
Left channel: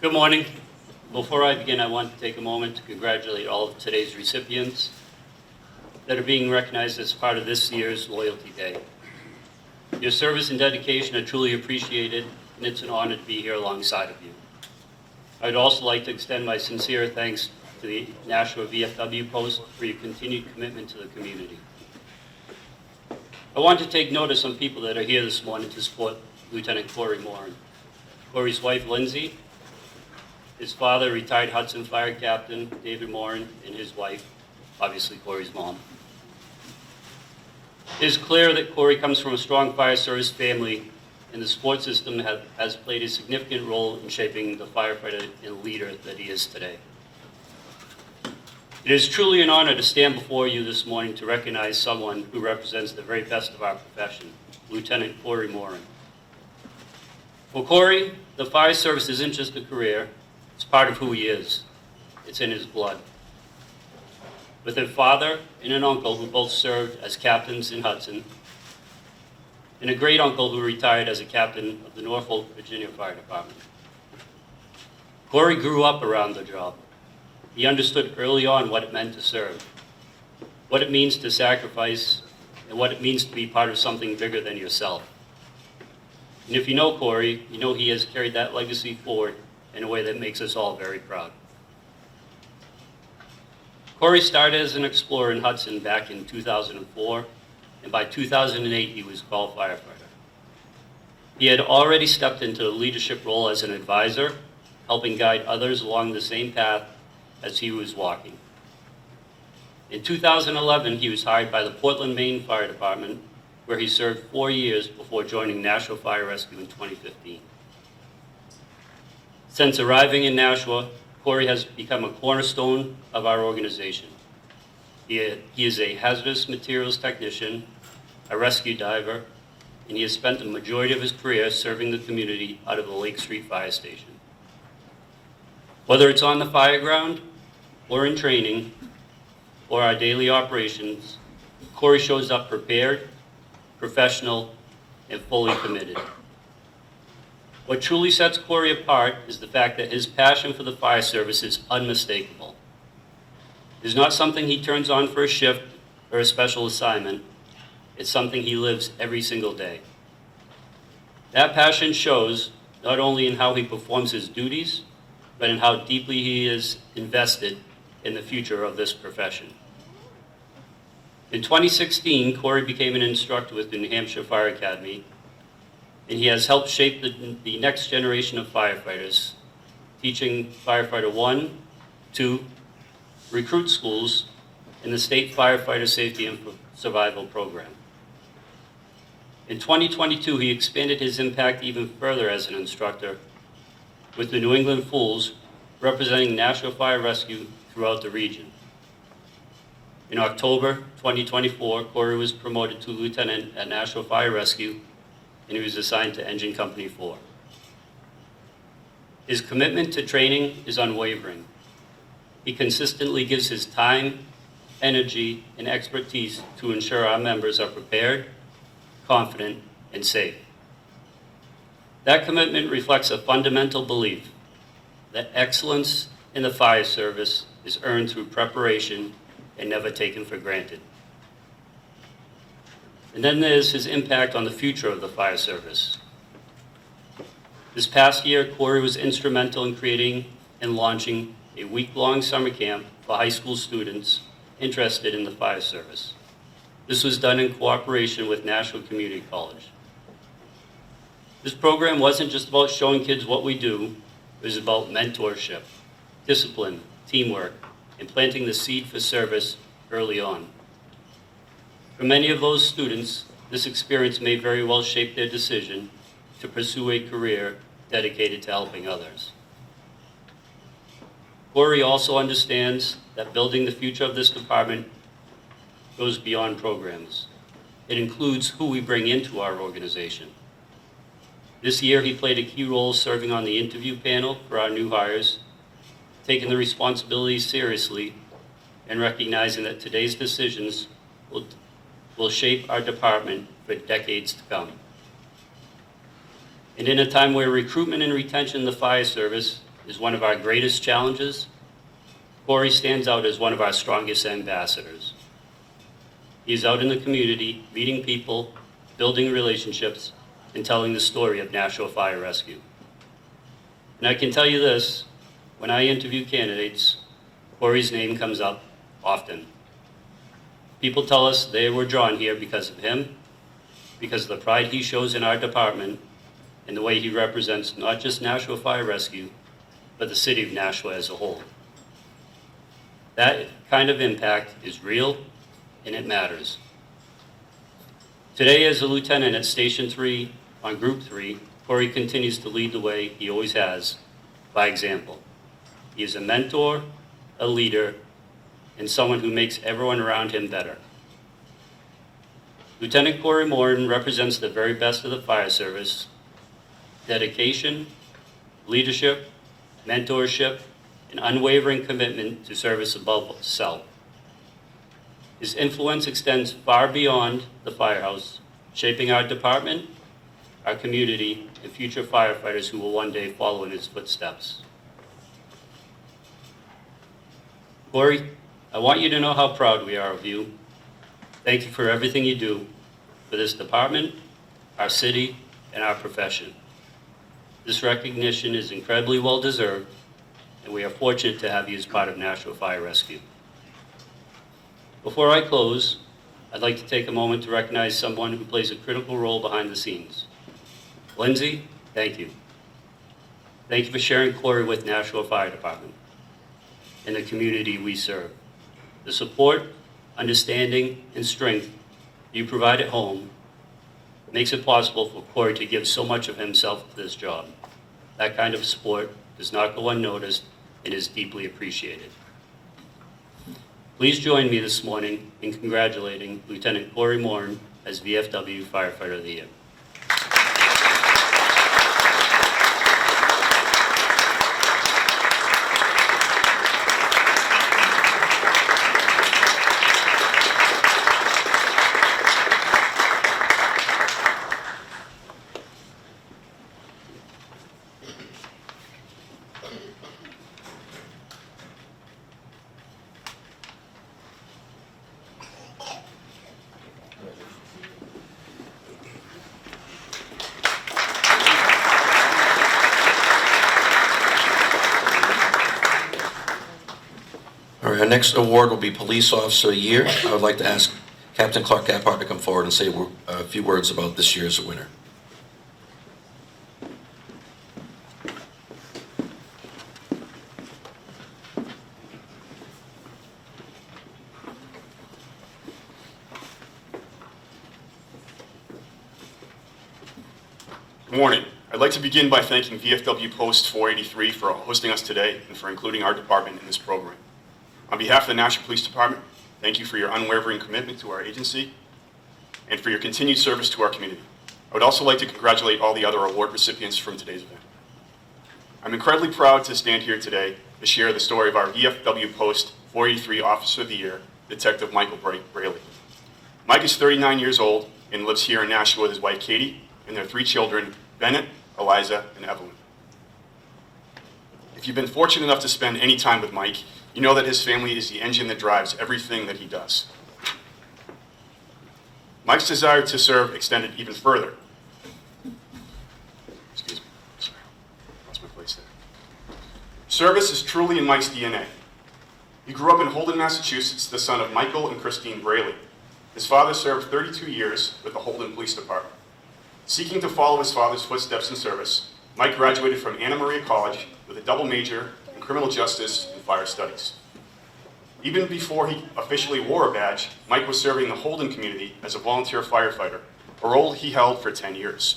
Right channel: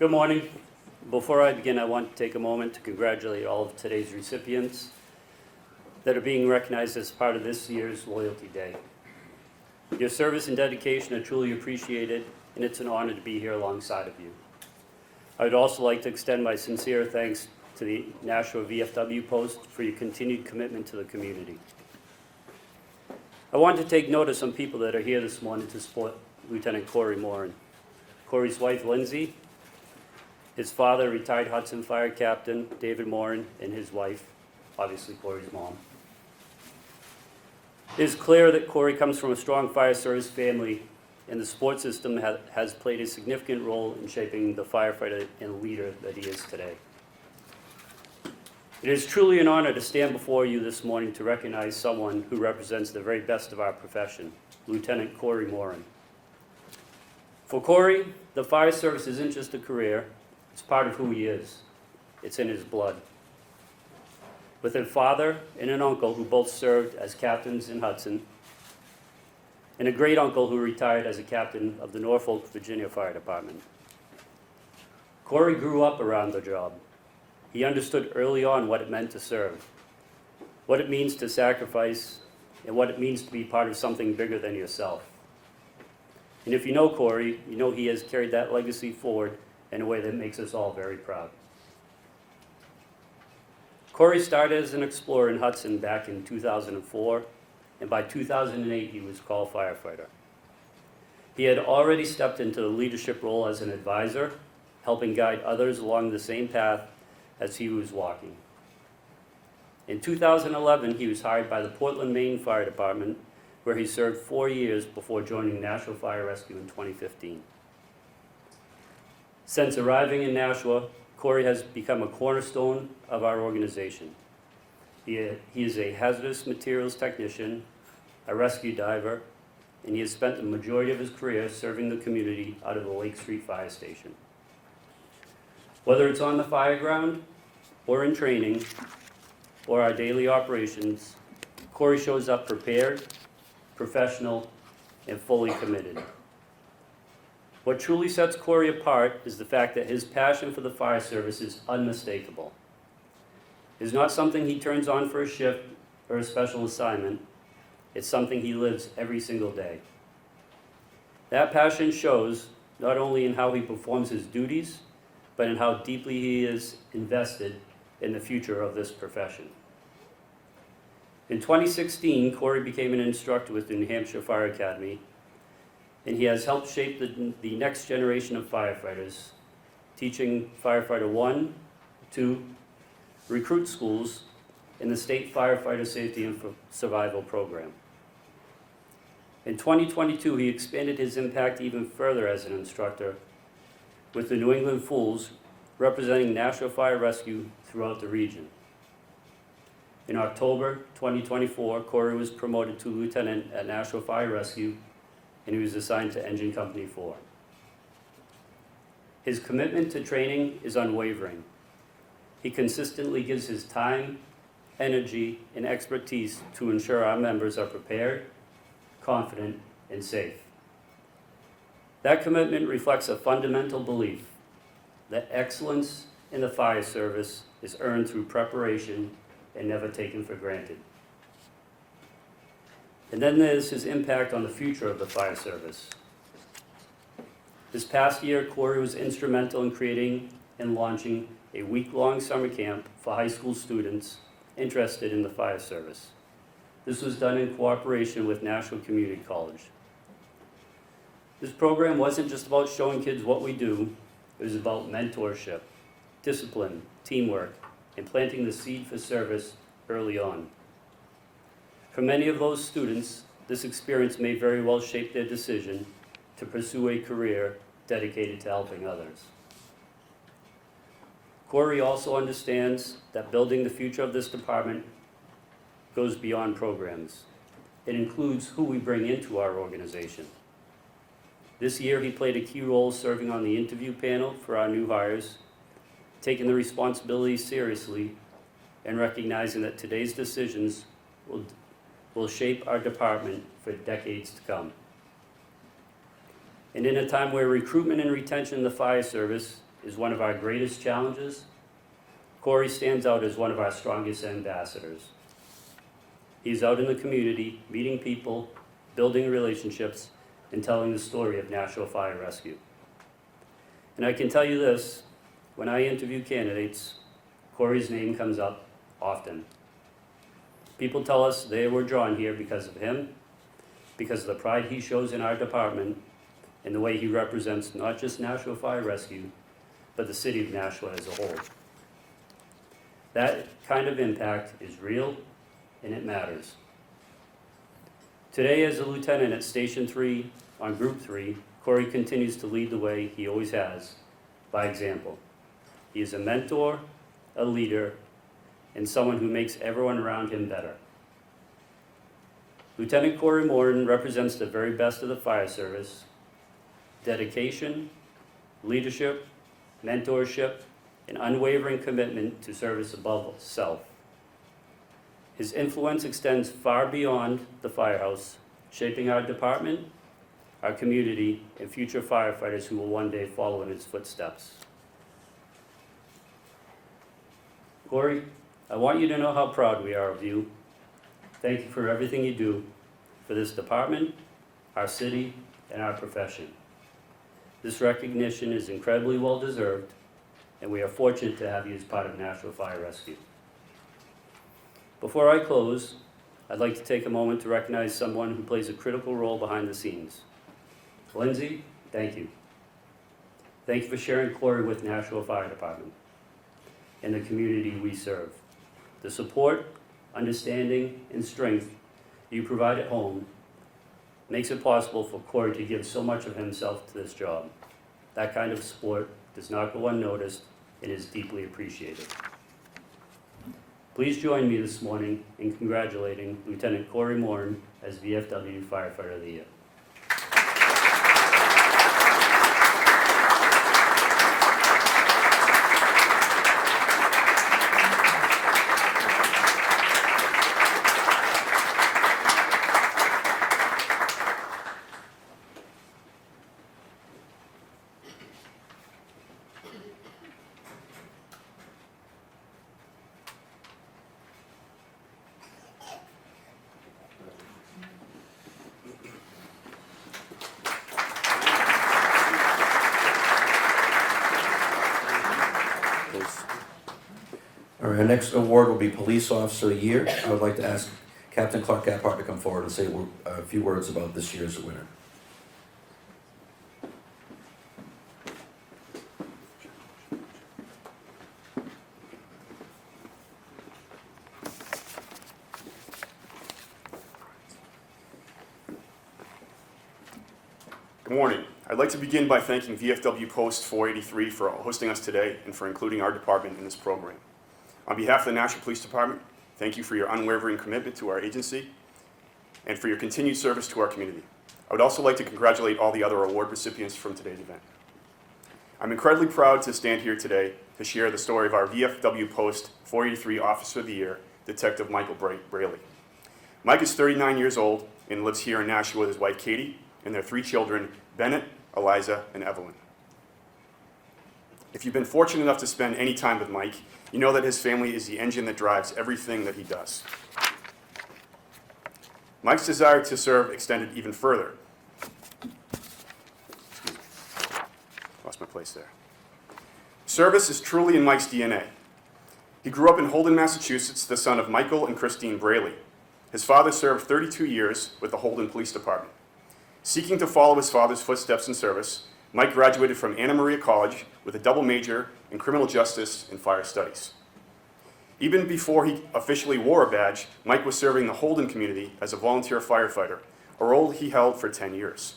Good morning. Before I begin, I want to take a moment to congratulate all of today's recipients that are being recognized as part of this year's Loyalty Day. Your service and dedication are truly appreciated, and it's an honor to be here alongside of you. I would also like to extend my sincere thanks to the Nashua VFW Post for your continued commitment to the community. I want to take note of some people that are here this morning to support Lieutenant Corey Morin. Corey's wife, Lindsay, his father, retired Hudson Fire Captain David Morin, and his wife, obviously Corey's mom. It is clear that Corey comes from a strong fire service family, and the support system has played a significant role in shaping the firefighter and leader that he is today. It is truly an honor to stand before you this morning to recognize someone who represents the very best of our profession, Lieutenant Corey Morin. For Corey, the fire service isn't just a career, it's part of who he is. It's in his blood. With a father and an uncle who both served as captains in Hudson, and a great uncle who retired as a captain of the Norfolk, Virginia Fire Department. Corey grew up around the job. He understood early on what it meant to serve, what it means to sacrifice, and what it means to be part of something bigger than yourself. And if you know Corey, you know he has carried that legacy forward in a way that makes us all very proud. Corey started as an explorer in Hudson back in 2004, and by 2008 he was called firefighter. He had already stepped into the leadership role as an advisor, helping guide others along the same path as he was walking. In 2011, he was hired by the Portland, Maine Fire Department, where he served 4 years before joining Nashua Fire Rescue in 2015. Since arriving in Nashua, Corey has become a cornerstone of our organization. He is a hazardous materials technician, a rescue diver, and he has spent the majority of his career serving the community out of the Lake Street Fire Station. Whether it's on the fire ground, or in training, or our daily operations, Corey shows up prepared, professional, and fully committed. What truly sets Corey apart is the fact that his passion for the fire service is unmistakable. It is not something he turns on for a shift or a special assignment. It's something he lives every single day. That passion shows not only in how he performs his duties, but in how deeply he is invested in the future of this profession. In 2016, Corey became an instructor with the New Hampshire Fire Academy, and he has helped shape the next generation of firefighters, teaching Firefighter 1, 2, recruit schools in the State Firefighter Safety and Survival Program. In 2022, he expanded his impact even further as an instructor with the New England Fools, representing Nashua Fire Rescue throughout the region. In October 2024, Corey was promoted to lieutenant at Nashua Fire Rescue, and he was assigned to Engine Company 4. His commitment to training is unwavering. He consistently gives his time, energy, and expertise to ensure our members are prepared, confident, and safe. That commitment reflects a fundamental belief that excellence in the fire service is earned through preparation and never taken for granted. And then there's his impact on the future of the fire service. This past year, Corey was instrumental in creating and launching a week-long summer camp for high school students interested in the fire service. This was done in cooperation with Nashua Community College. This program wasn't just about showing kids what we do, it was about mentorship, discipline, teamwork, and planting the seed for service early on. For many of those students, this experience may very well shape their decision to pursue a career dedicated to helping others. Corey also understands that building the future of this department goes beyond programs. It includes who we bring into our organization. This year, he played a key role serving on the interview panel for our new hires, taking the responsibilities seriously and recognizing that today's decisions will shape our department for decades to come. And in a time where recruitment and retention in the fire service is one of our greatest challenges, Corey stands out as one of our strongest ambassadors. He's out in the community, meeting people, building relationships, and telling the story of Nashua Fire Rescue. And I can tell you this, when I interview candidates, Corey's name comes up often. People tell us they were drawn here because of him, because of the pride he shows in our department, and the way he represents not just Nashua Fire Rescue, but the city of Nashua as a whole. That kind of impact is real, and it matters. Today, as a lieutenant at Station 3 on Group 3, Corey continues to lead the way he always has, by example. He is a mentor, a leader, and someone who makes everyone around him better. Lieutenant Corey Morin represents the very best of the fire service: dedication, leadership, mentorship, and unwavering commitment to service above self. His influence extends far beyond the firehouse, shaping our department, our community, and future firefighters who will one day follow in his footsteps. Corey, I want you to know how proud we are of you. Thank you for everything you do for this department, our city, and our profession. This recognition is incredibly well deserved, and we are fortunate to have you as part of Nashua Fire Rescue. Before I close, I'd like to take a moment to recognize someone who plays a critical role behind the scenes. Lindsay, thank you. Thank you for sharing Corey with Nashua Fire Department and the community we serve. The support, understanding, and strength you provide at home makes it possible for Corey to give so much of himself to this job. That kind of support does not go unnoticed and is deeply appreciated. Please join me this morning in congratulating Lieutenant Corey Morin as VFW Firefighter of the Year. All right, our next award will be Police Officer of the Year. I would like to ask Captain Clark Gapart to come forward and say a few words about this year's winner. Good morning. I'd like to begin by thanking VFW Post 483 for hosting us today and for including our department in this program. On behalf of the Nashua Police Department, thank you for your unwavering commitment to our agency and for your continued service to our community. I would also like to congratulate all the other award recipients from today's event. I'm incredibly proud to stand here today to share the story of our VFW Post 483 Officer of the Year, Detective Michael Braley. Mike is 39 years old and lives here in Nashua with his wife Katie and their 3 children, Bennett, Eliza, and Evelyn. If you've been fortunate enough to spend any time with Mike, you know that his family is the engine that drives everything that he does. Mike's desire to serve extended even further. Excuse me. Lost my place there. Service is truly in Mike's DNA. He grew up in Holden, Massachusetts, the son of Michael and Christine Braley. His father served 32 years with the Holden Police Department. Seeking to follow his father's footsteps in service, Mike graduated from Anna Maria College with a double major in criminal justice and fire studies. Even before he officially wore a badge, Mike was serving the Holden community as a volunteer firefighter, a role he held for 10 years.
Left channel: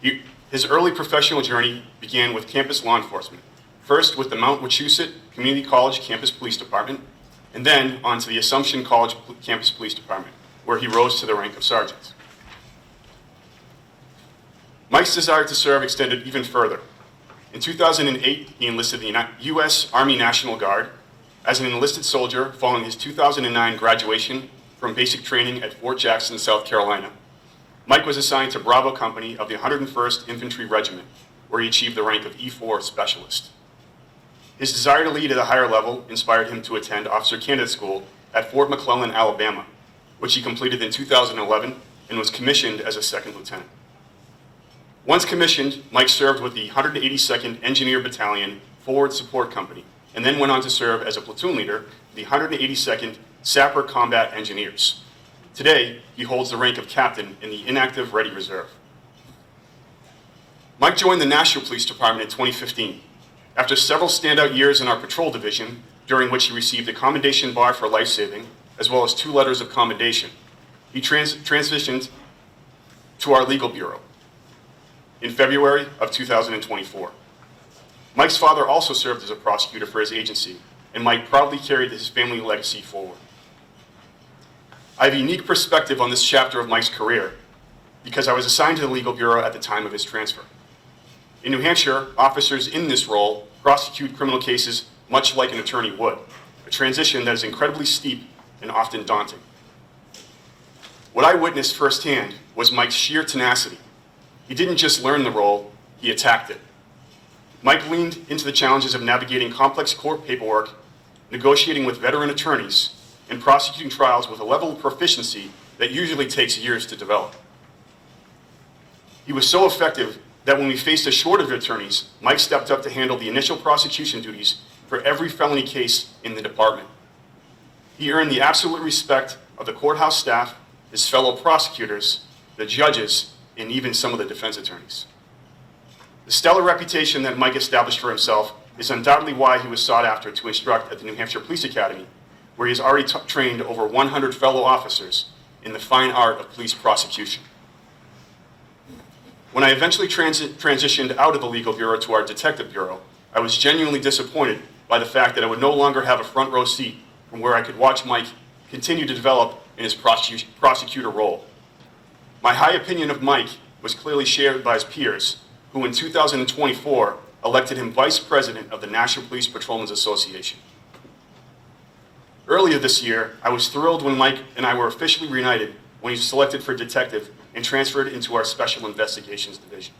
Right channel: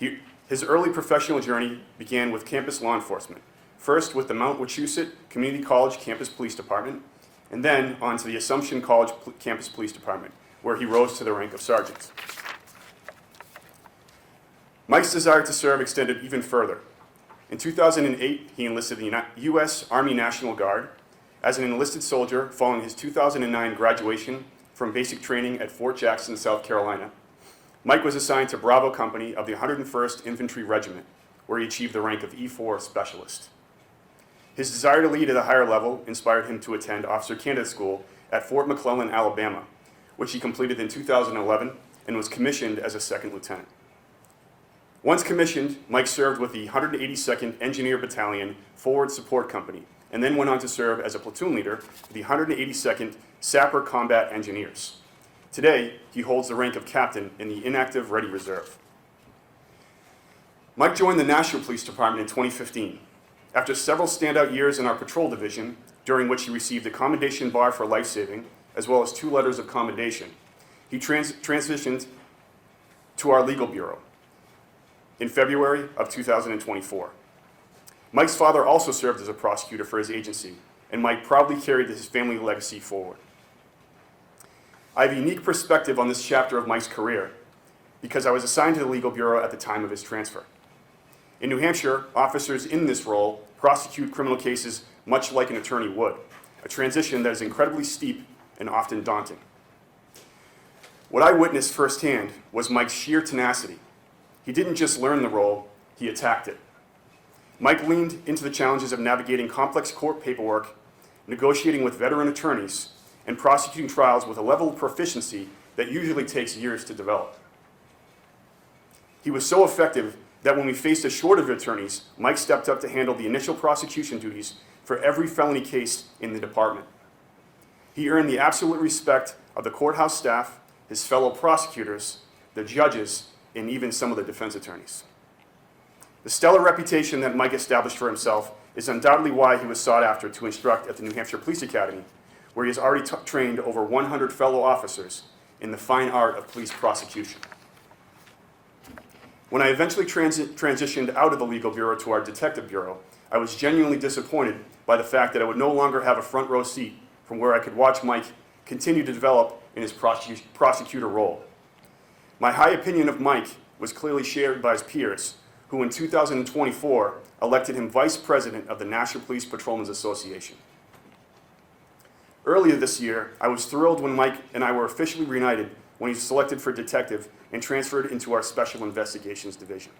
His early professional journey began with campus law enforcement, first with the Mount Wachusett Community College Campus Police Department, and then on to the Assumption College Campus Police Department, where he rose to the rank of sergeant. Mike's desire to serve extended even further. In 2008, he enlisted in the U.S. Army National Guard as an enlisted soldier following his 2009 graduation from basic training at Fort Jackson, South Carolina. Mike was assigned to Bravo Company of the 101st Infantry Regiment, where he achieved the rank of E4 Specialist. His desire to lead at a higher level inspired him to attend Officer Candidate School at Fort McClellan, Alabama, which he completed in 2011 and was commissioned as a second lieutenant. Once commissioned, Mike served with the 182nd Engineer Battalion Forward Support Company, and then went on to serve as a platoon leader of the 182nd Sapper Combat Engineers. Today, he holds the rank of captain in the Inactive Ready Reserve. Mike joined the Nashua Police Department in 2015. After several standout years in our patrol division, during which he received a commendation bar for life-saving, as well as 2 letters of commendation, he transitioned to our legal bureau in February of 2024. Mike's father also served as a prosecutor for his agency, and Mike proudly carried his family legacy forward. I have a unique perspective on this chapter of Mike's career because I was assigned to the legal bureau at the time of his transfer. In New Hampshire, officers in this role prosecute criminal cases much like an attorney would, a transition that is incredibly steep and often daunting. What I witnessed firsthand was Mike's sheer tenacity. He didn't just learn the role, he attacked it. Mike leaned into the challenges of navigating complex court paperwork, negotiating with veteran attorneys, and prosecuting trials with a level of proficiency that usually takes years to develop. He was so effective that when we faced a shortage of attorneys, Mike stepped up to handle the initial prosecution duties for every felony case in the department. He earned the absolute respect of the courthouse staff, his fellow prosecutors, the judges, and even some of the defense attorneys. The stellar reputation that Mike established for himself is undoubtedly why he was sought after to instruct at the New Hampshire Police Academy, where he has already trained over 100 fellow officers in the fine art of police prosecution. When I eventually transitioned out of the legal bureau to our detective bureau, I was genuinely disappointed by the fact that I would no longer have a front row seat from where I could watch Mike continue to develop in his prosecutor role. My high opinion of Mike was clearly shared by his peers, who in 2024 elected him Vice President of the National Police Patrolmen's Association. Earlier this year, I was thrilled when Mike and I were officially reunited when he was selected for detective and transferred into our Special Investigations Division.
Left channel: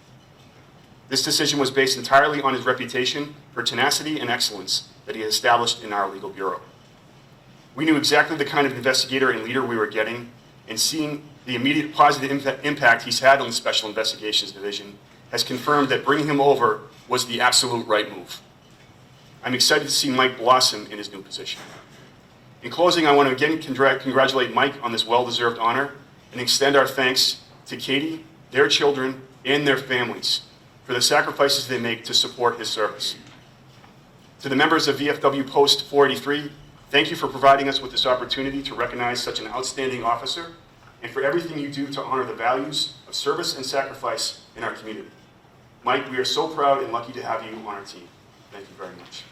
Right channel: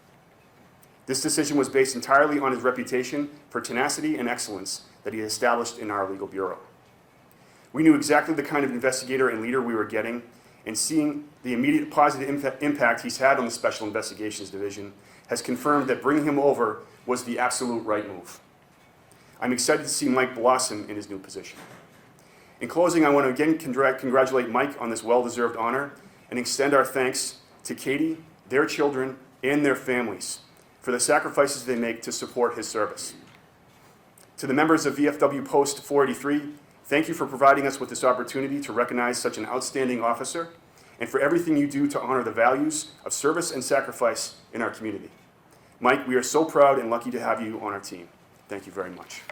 This decision was based entirely on his reputation for tenacity and excellence that he had established in our legal bureau. We knew exactly the kind of investigator and leader we were getting, and seeing the immediate positive impact he's had on the Special Investigations Division has confirmed that bringing him over was the absolute right move. I'm excited to see Mike blossom in his new position. In closing, I want to again congratulate Mike on this well-deserved honor and extend our thanks to Katie, their children, and their families for the sacrifices they make to support his service. To the members of VFW Post 483, thank you for providing us with this opportunity to recognize such an outstanding officer and for everything you do to honor the values of service and sacrifice in our community. Mike, we are so proud and lucky to have you on our team. Thank you very much.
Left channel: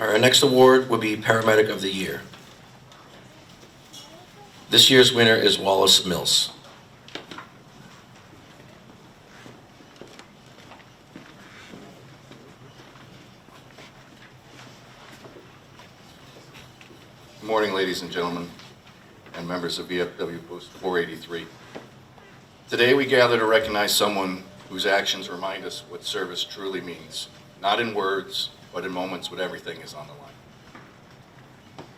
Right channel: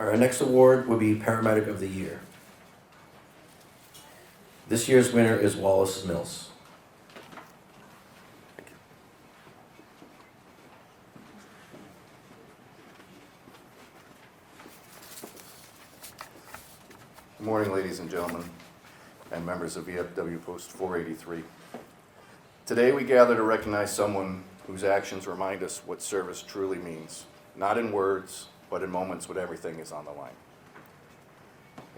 Our next award will be Paramedic of the Year. This year's winner is Wallace Mills. Good morning, ladies and gentlemen, and members of VFW Post 483. Today we gather to recognize someone whose actions remind us what service truly means, not in words, but in moments when everything is on the line.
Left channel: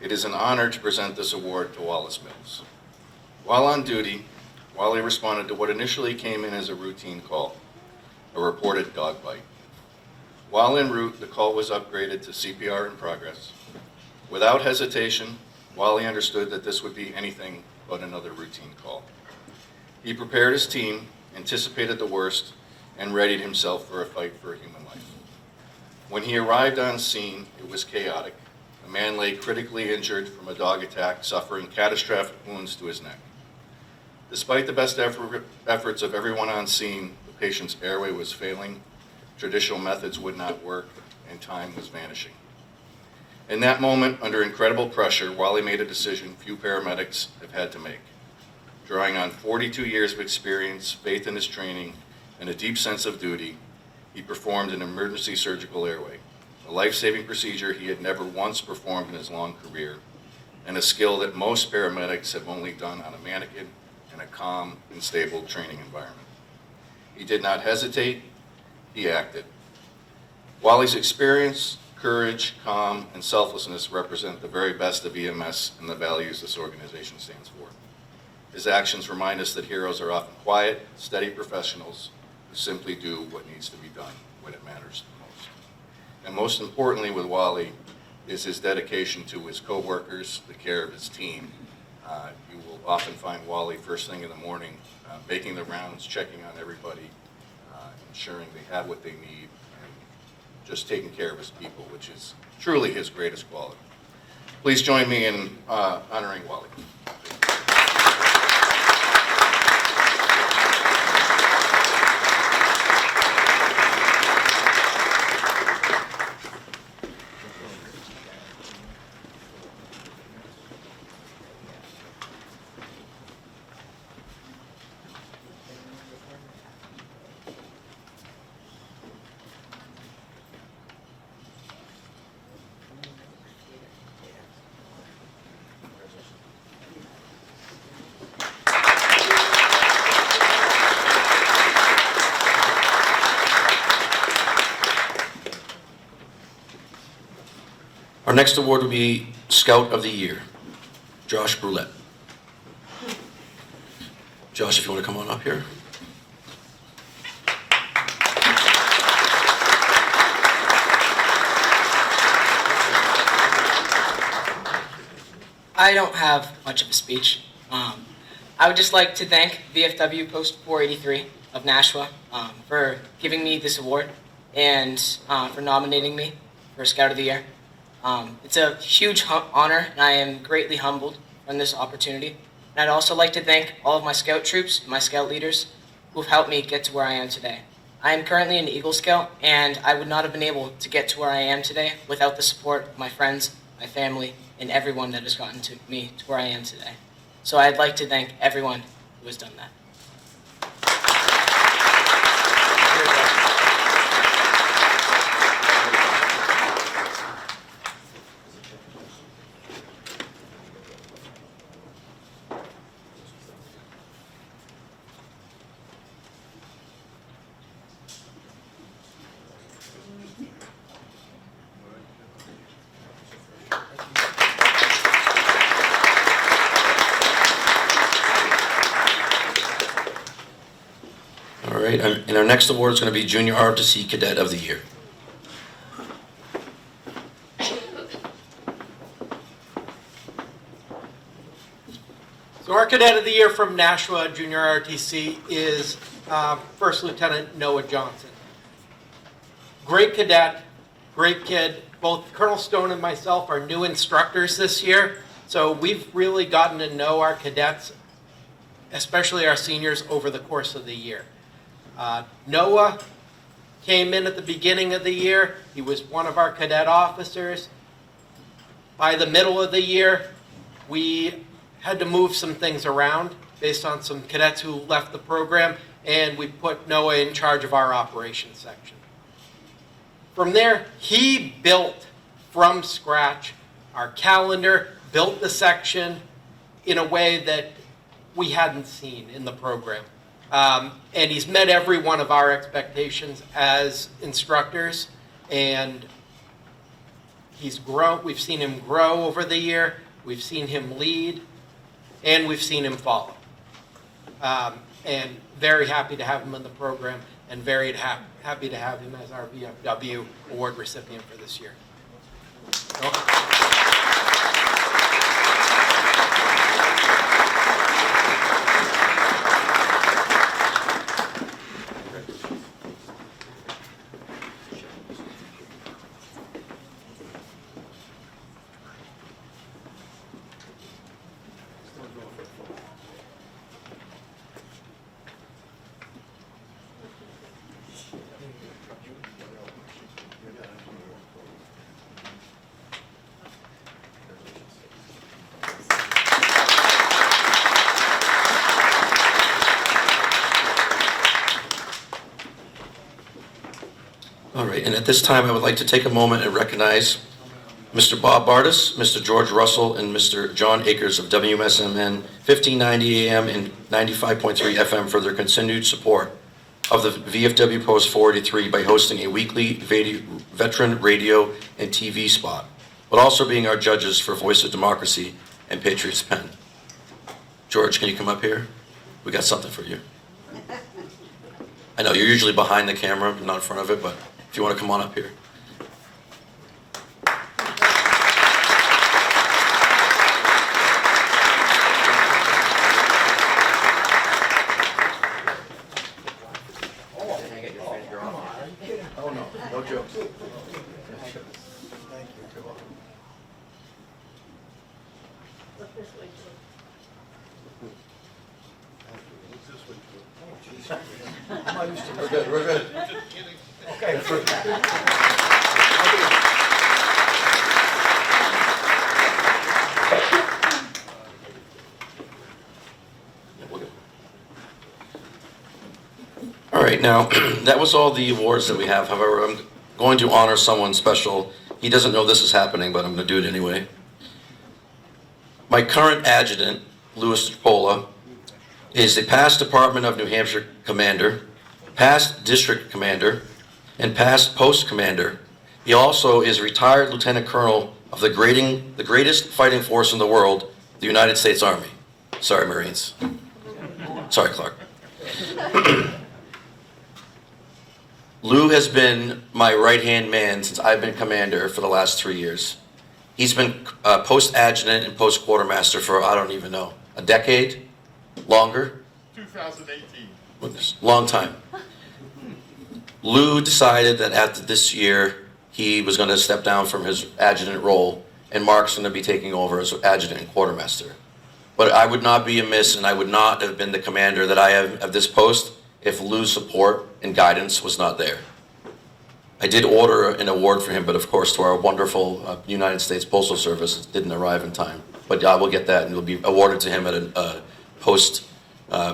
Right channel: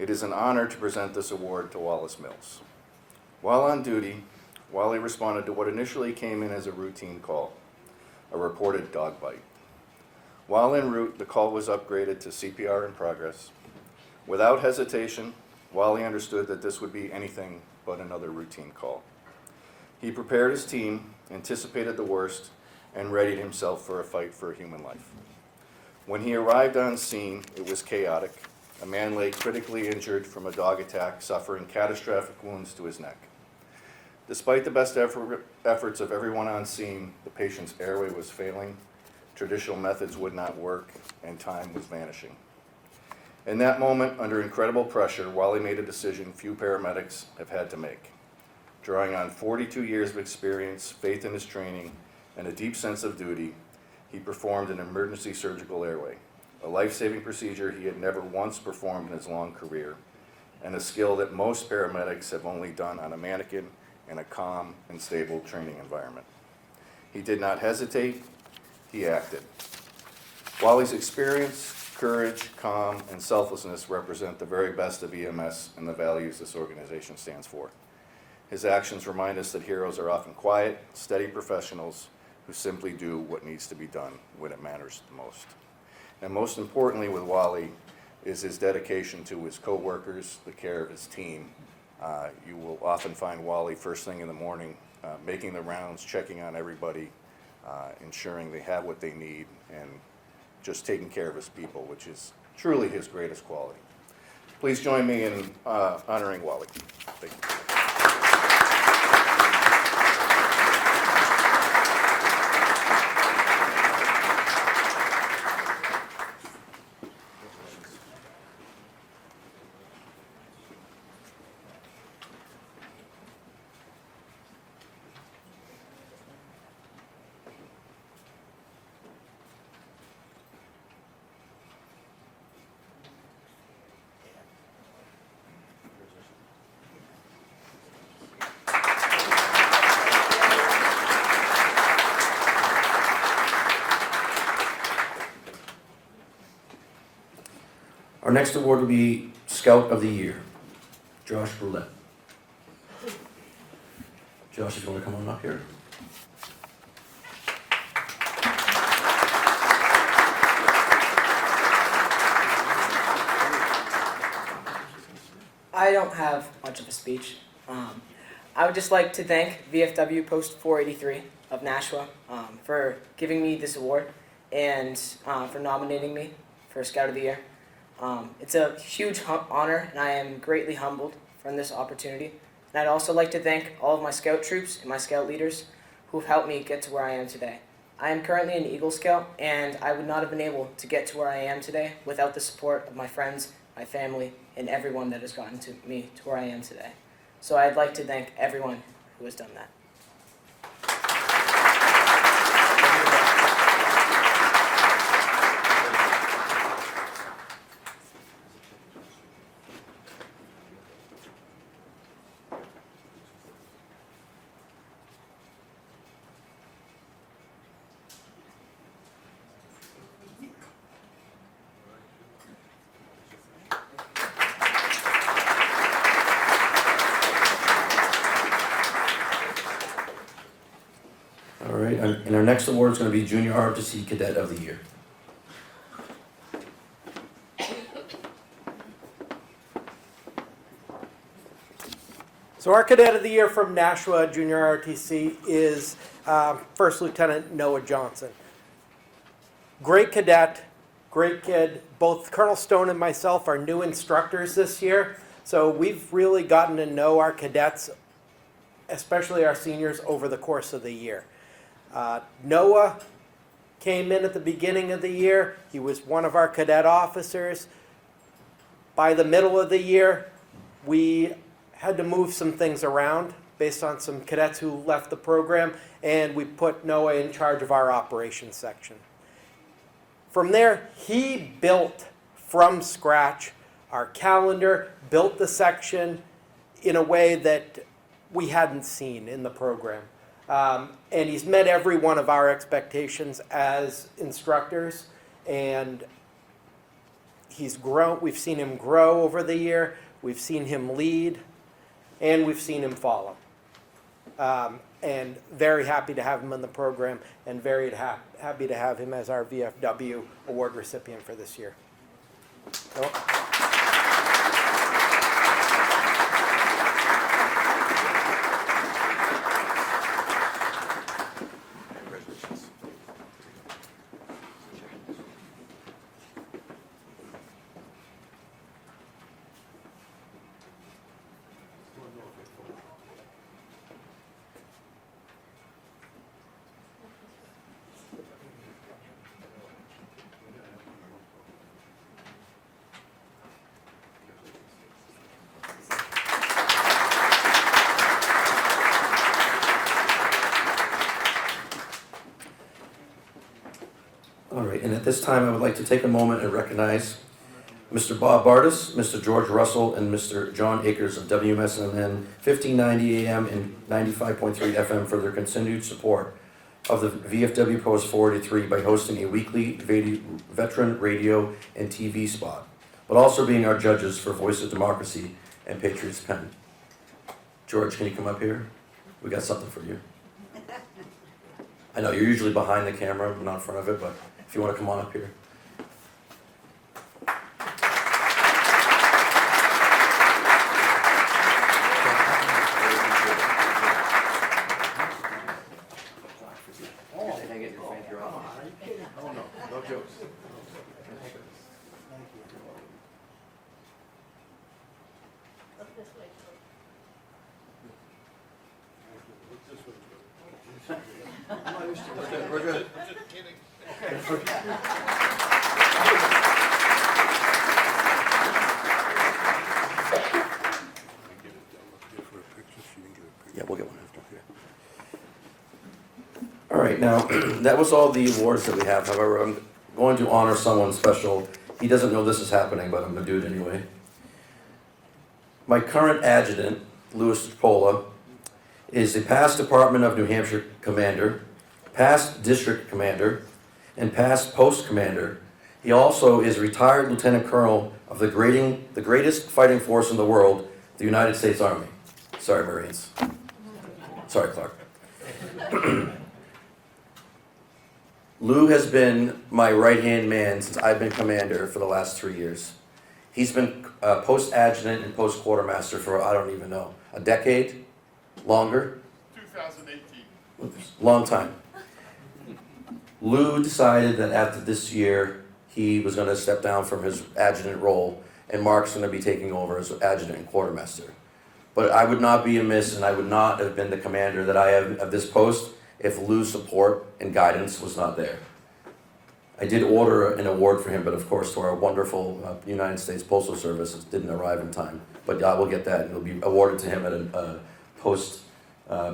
It is an honor to present this award to Wallace Mills. While on duty, Wally responded to what initially came in as a routine call, a reported dog bite. While en route, the call was upgraded to CPR in progress. Without hesitation, Wally understood that this would be anything but another routine call. He prepared his team, anticipated the worst, and readied himself for a fight for a human life. When he arrived on scene, it was chaotic. A man lay critically injured from a dog attack, suffering catastrophic wounds to his neck. Despite the best efforts of everyone on scene, the patient's airway was failing, traditional methods would not work, and time was vanishing. In that moment, under incredible pressure, Wally made a decision few paramedics have had to make. Drawing on 42 years of experience, faith in his training, and a deep sense of duty, he performed an emergency surgical airway, a life-saving procedure he had never once performed in his long career, and a skill that most paramedics have only done on a mannequin in a calm and stable training environment. He did not hesitate, he acted. Wally's experience, courage, calm, and selflessness represent the very best of EMS and the values this organization stands for. His actions remind us that heroes are often quiet, steady professionals who simply do what needs to be done when it matters the most. And most importantly with Wally is his dedication to his coworkers, the care of his team. You will often find Wally first thing in the morning, making the rounds, checking on everybody, ensuring they have what they need, and just taking care of his people, which is truly his greatest quality. Please join me in honoring Wally. Thank you. Our next award will be Scout of the Year, Josh Brulette. Josh, if you want to come on up here. I don't have much of a speech. I would just like to thank VFW Post 483 of Nashua for giving me this award and for nominating me for Scout of the Year. It's a huge honor, and I am greatly humbled from this opportunity. And I'd also like to thank all of my Scout troops and my Scout leaders who have helped me get to where I am today. I am currently an Eagle Scout, and I would not have been able to get to where I am today without the support of my friends, my family, and everyone that has gotten to me to where I am today. So I'd like to thank everyone who has done that. All right, and our next award is going to be Junior ROTC Cadet of the Year. So our Cadet of the Year from Nashua Junior ROTC is First Lieutenant Noah Johnson. Great cadet, great kid. Both Colonel Stone and myself are new instructors this year, so we've really gotten to know our cadets, especially our seniors, over the course of the year. Noah came in at the beginning of the year. He was one of our cadet officers. By the middle of the year, we had to move some things around based on some cadets who left the program, and we put Noah in charge of our operations section. From there, he built from scratch our calendar, built the section in a way that we hadn't seen in the program. And he's met every one of our expectations as instructors, and He's grown. We've seen him grow over the year. We've seen him lead, and we've seen him follow. And very happy to have him in the program, and very happy to have him as our VFW award recipient for this year. Welcome. All right, and at this time, I would like to take a moment and recognize Mr. Bob Bardis, Mr. George Russell, and Mr. John Akers of WMSMN 1590 AM and 95.3 FM for their continued support of the VFW Post 483 by hosting a weekly veteran radio and TV spot, but also being our judges for Voice of Democracy and Patriots Pen. George, can you come up here? We got something for you. I know you're usually behind the camera, not in front of it, but if you want to come on up here. Oh, no jokes. We're good, we're good. Okay. Yeah, we'll get one. All right, now, that was all the awards that we have. However, I'm going to honor someone special. He doesn't know this is happening, but I'm going to do it anyway. My current adjutant, Louis Pola, is a past Department of New Hampshire commander, past district commander, and past post commander. He also is a retired lieutenant colonel of the greatest fighting force in the world, the United States Army. Sorry, Marines. Sorry, Clark. Lou has been my right-hand man since I've been commander for the last 3 years. He's been post adjutant and post quartermaster for, I don't even know, a decade? Longer? 2018. Long time. Lou decided that after this year, he was going to step down from his adjutant role, and Mark's going to be taking over as adjutant and quartermaster. But I would not be amiss, and I would not have been the commander that I am at this post if Lou's support and guidance was not there. I did order an award for him, but of course, to our wonderful United States Postal Service, it didn't arrive in time. But I will get that, and it'll be awarded to him at a post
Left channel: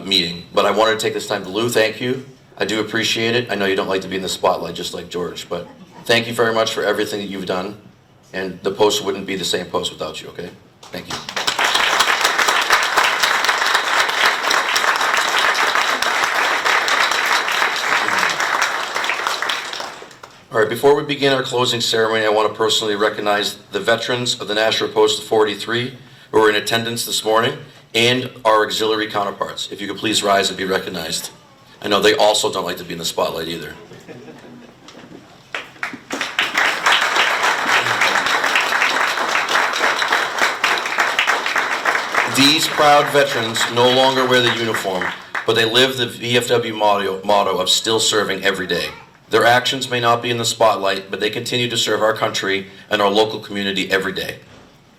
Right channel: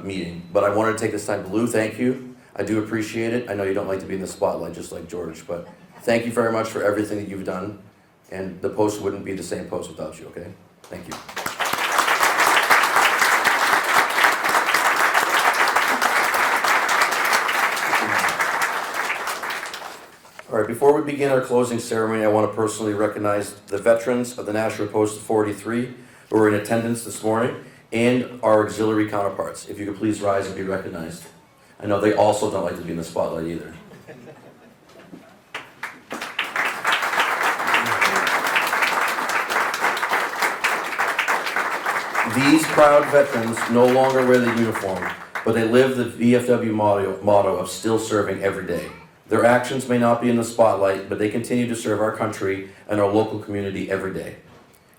meeting. But I wanted to take this time to Lou, thank you. I do appreciate it. I know you don't like to be in the spotlight, just like George, but thank you very much for everything that you've done. And the post wouldn't be the same post without you, okay? Thank you. All right, before we begin our closing ceremony, I want to personally recognize the veterans of the Nashua Post 483 who are in attendance this morning and our auxiliary counterparts. If you could please rise and be recognized. I know they also don't like to be in the spotlight either. These proud veterans no longer wear the uniform, but they live the VFW motto of still serving every day. Their actions may not be in the spotlight, but they continue to serve our country and our local community every day.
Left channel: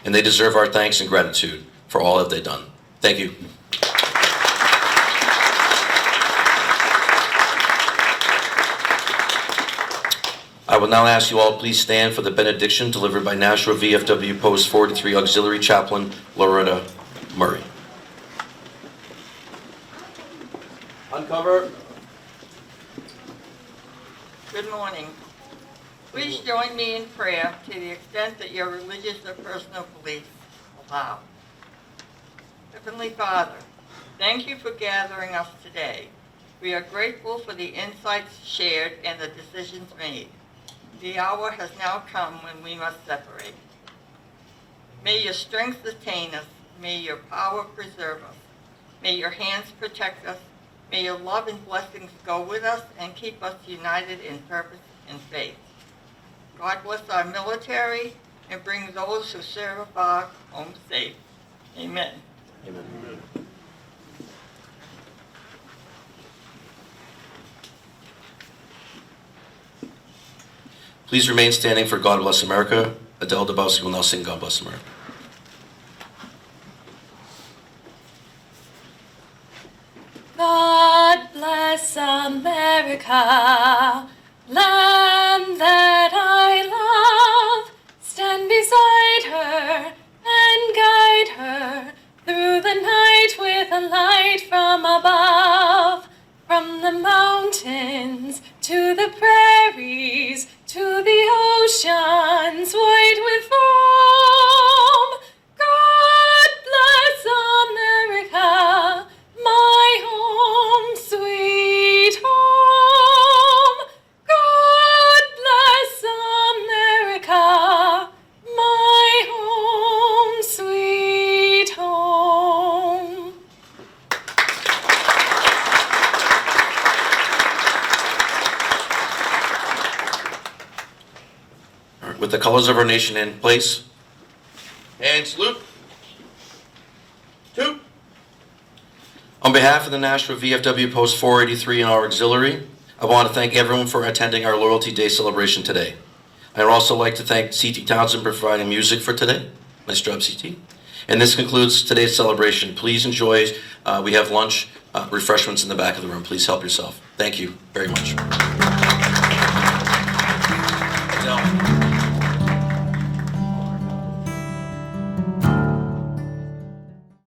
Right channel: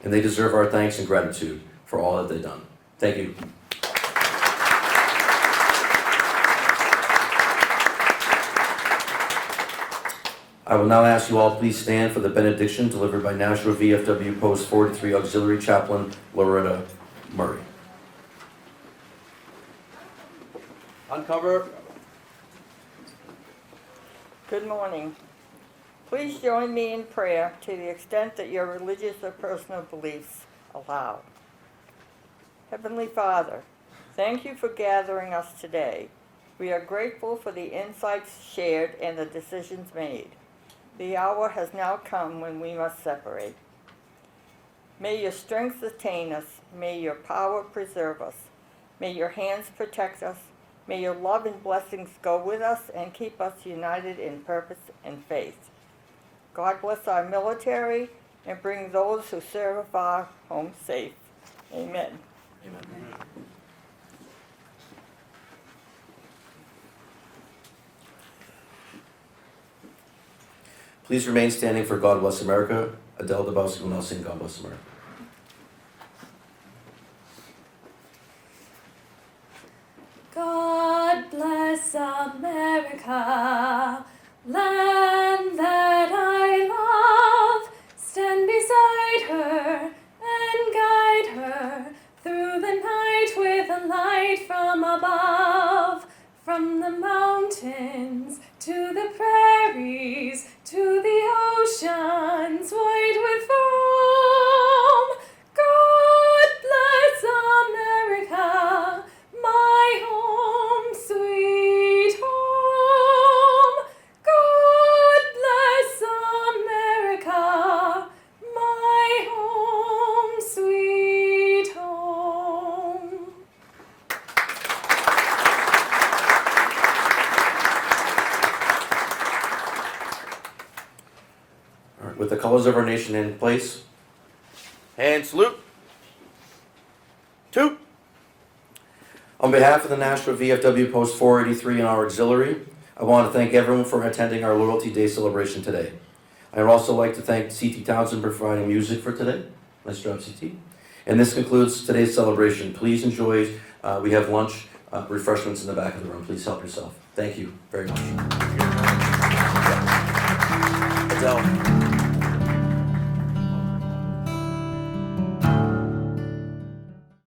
And they deserve our thanks and gratitude for all that they've done. Thank you. I will now ask you all to please stand for the benediction delivered by Nashua VFW Post 43 Auxiliary Chaplain Loretta Murray. Uncover. Good morning. Please join me in prayer to the extent that your religious or personal beliefs allow. Heavenly Father, thank you for gathering us today. We are grateful for the insights shared and the decisions made. The hour has now come when we must separate. May your strength sustain us. May your power preserve us. May your hands protect us. May your love and blessings go with us and keep us united in purpose and faith. God bless our military and bring those who serve afar home safe. Amen. Please remain standing for God Bless America. Adele Dabowski will now sing God Bless America. God bless America, land that I love. Stand beside her and guide her through the night with a light from above. From the mountains to the prairies to the oceans white with foam. God bless America, my home, sweet home. God bless America, my home, sweet home. All right, with the colors of our nation in place, and salute. Toot. On behalf of the Nashua VFW Post 483 and our auxiliary, I want to thank everyone for attending our Loyalty Day celebration today. I'd also like to thank C.T. Townsend for providing music for today. Nice job, C.T. And this concludes today's celebration. Please enjoy. We have lunch, refreshments in the back of the room. Please help yourself. Thank you very much. Adele.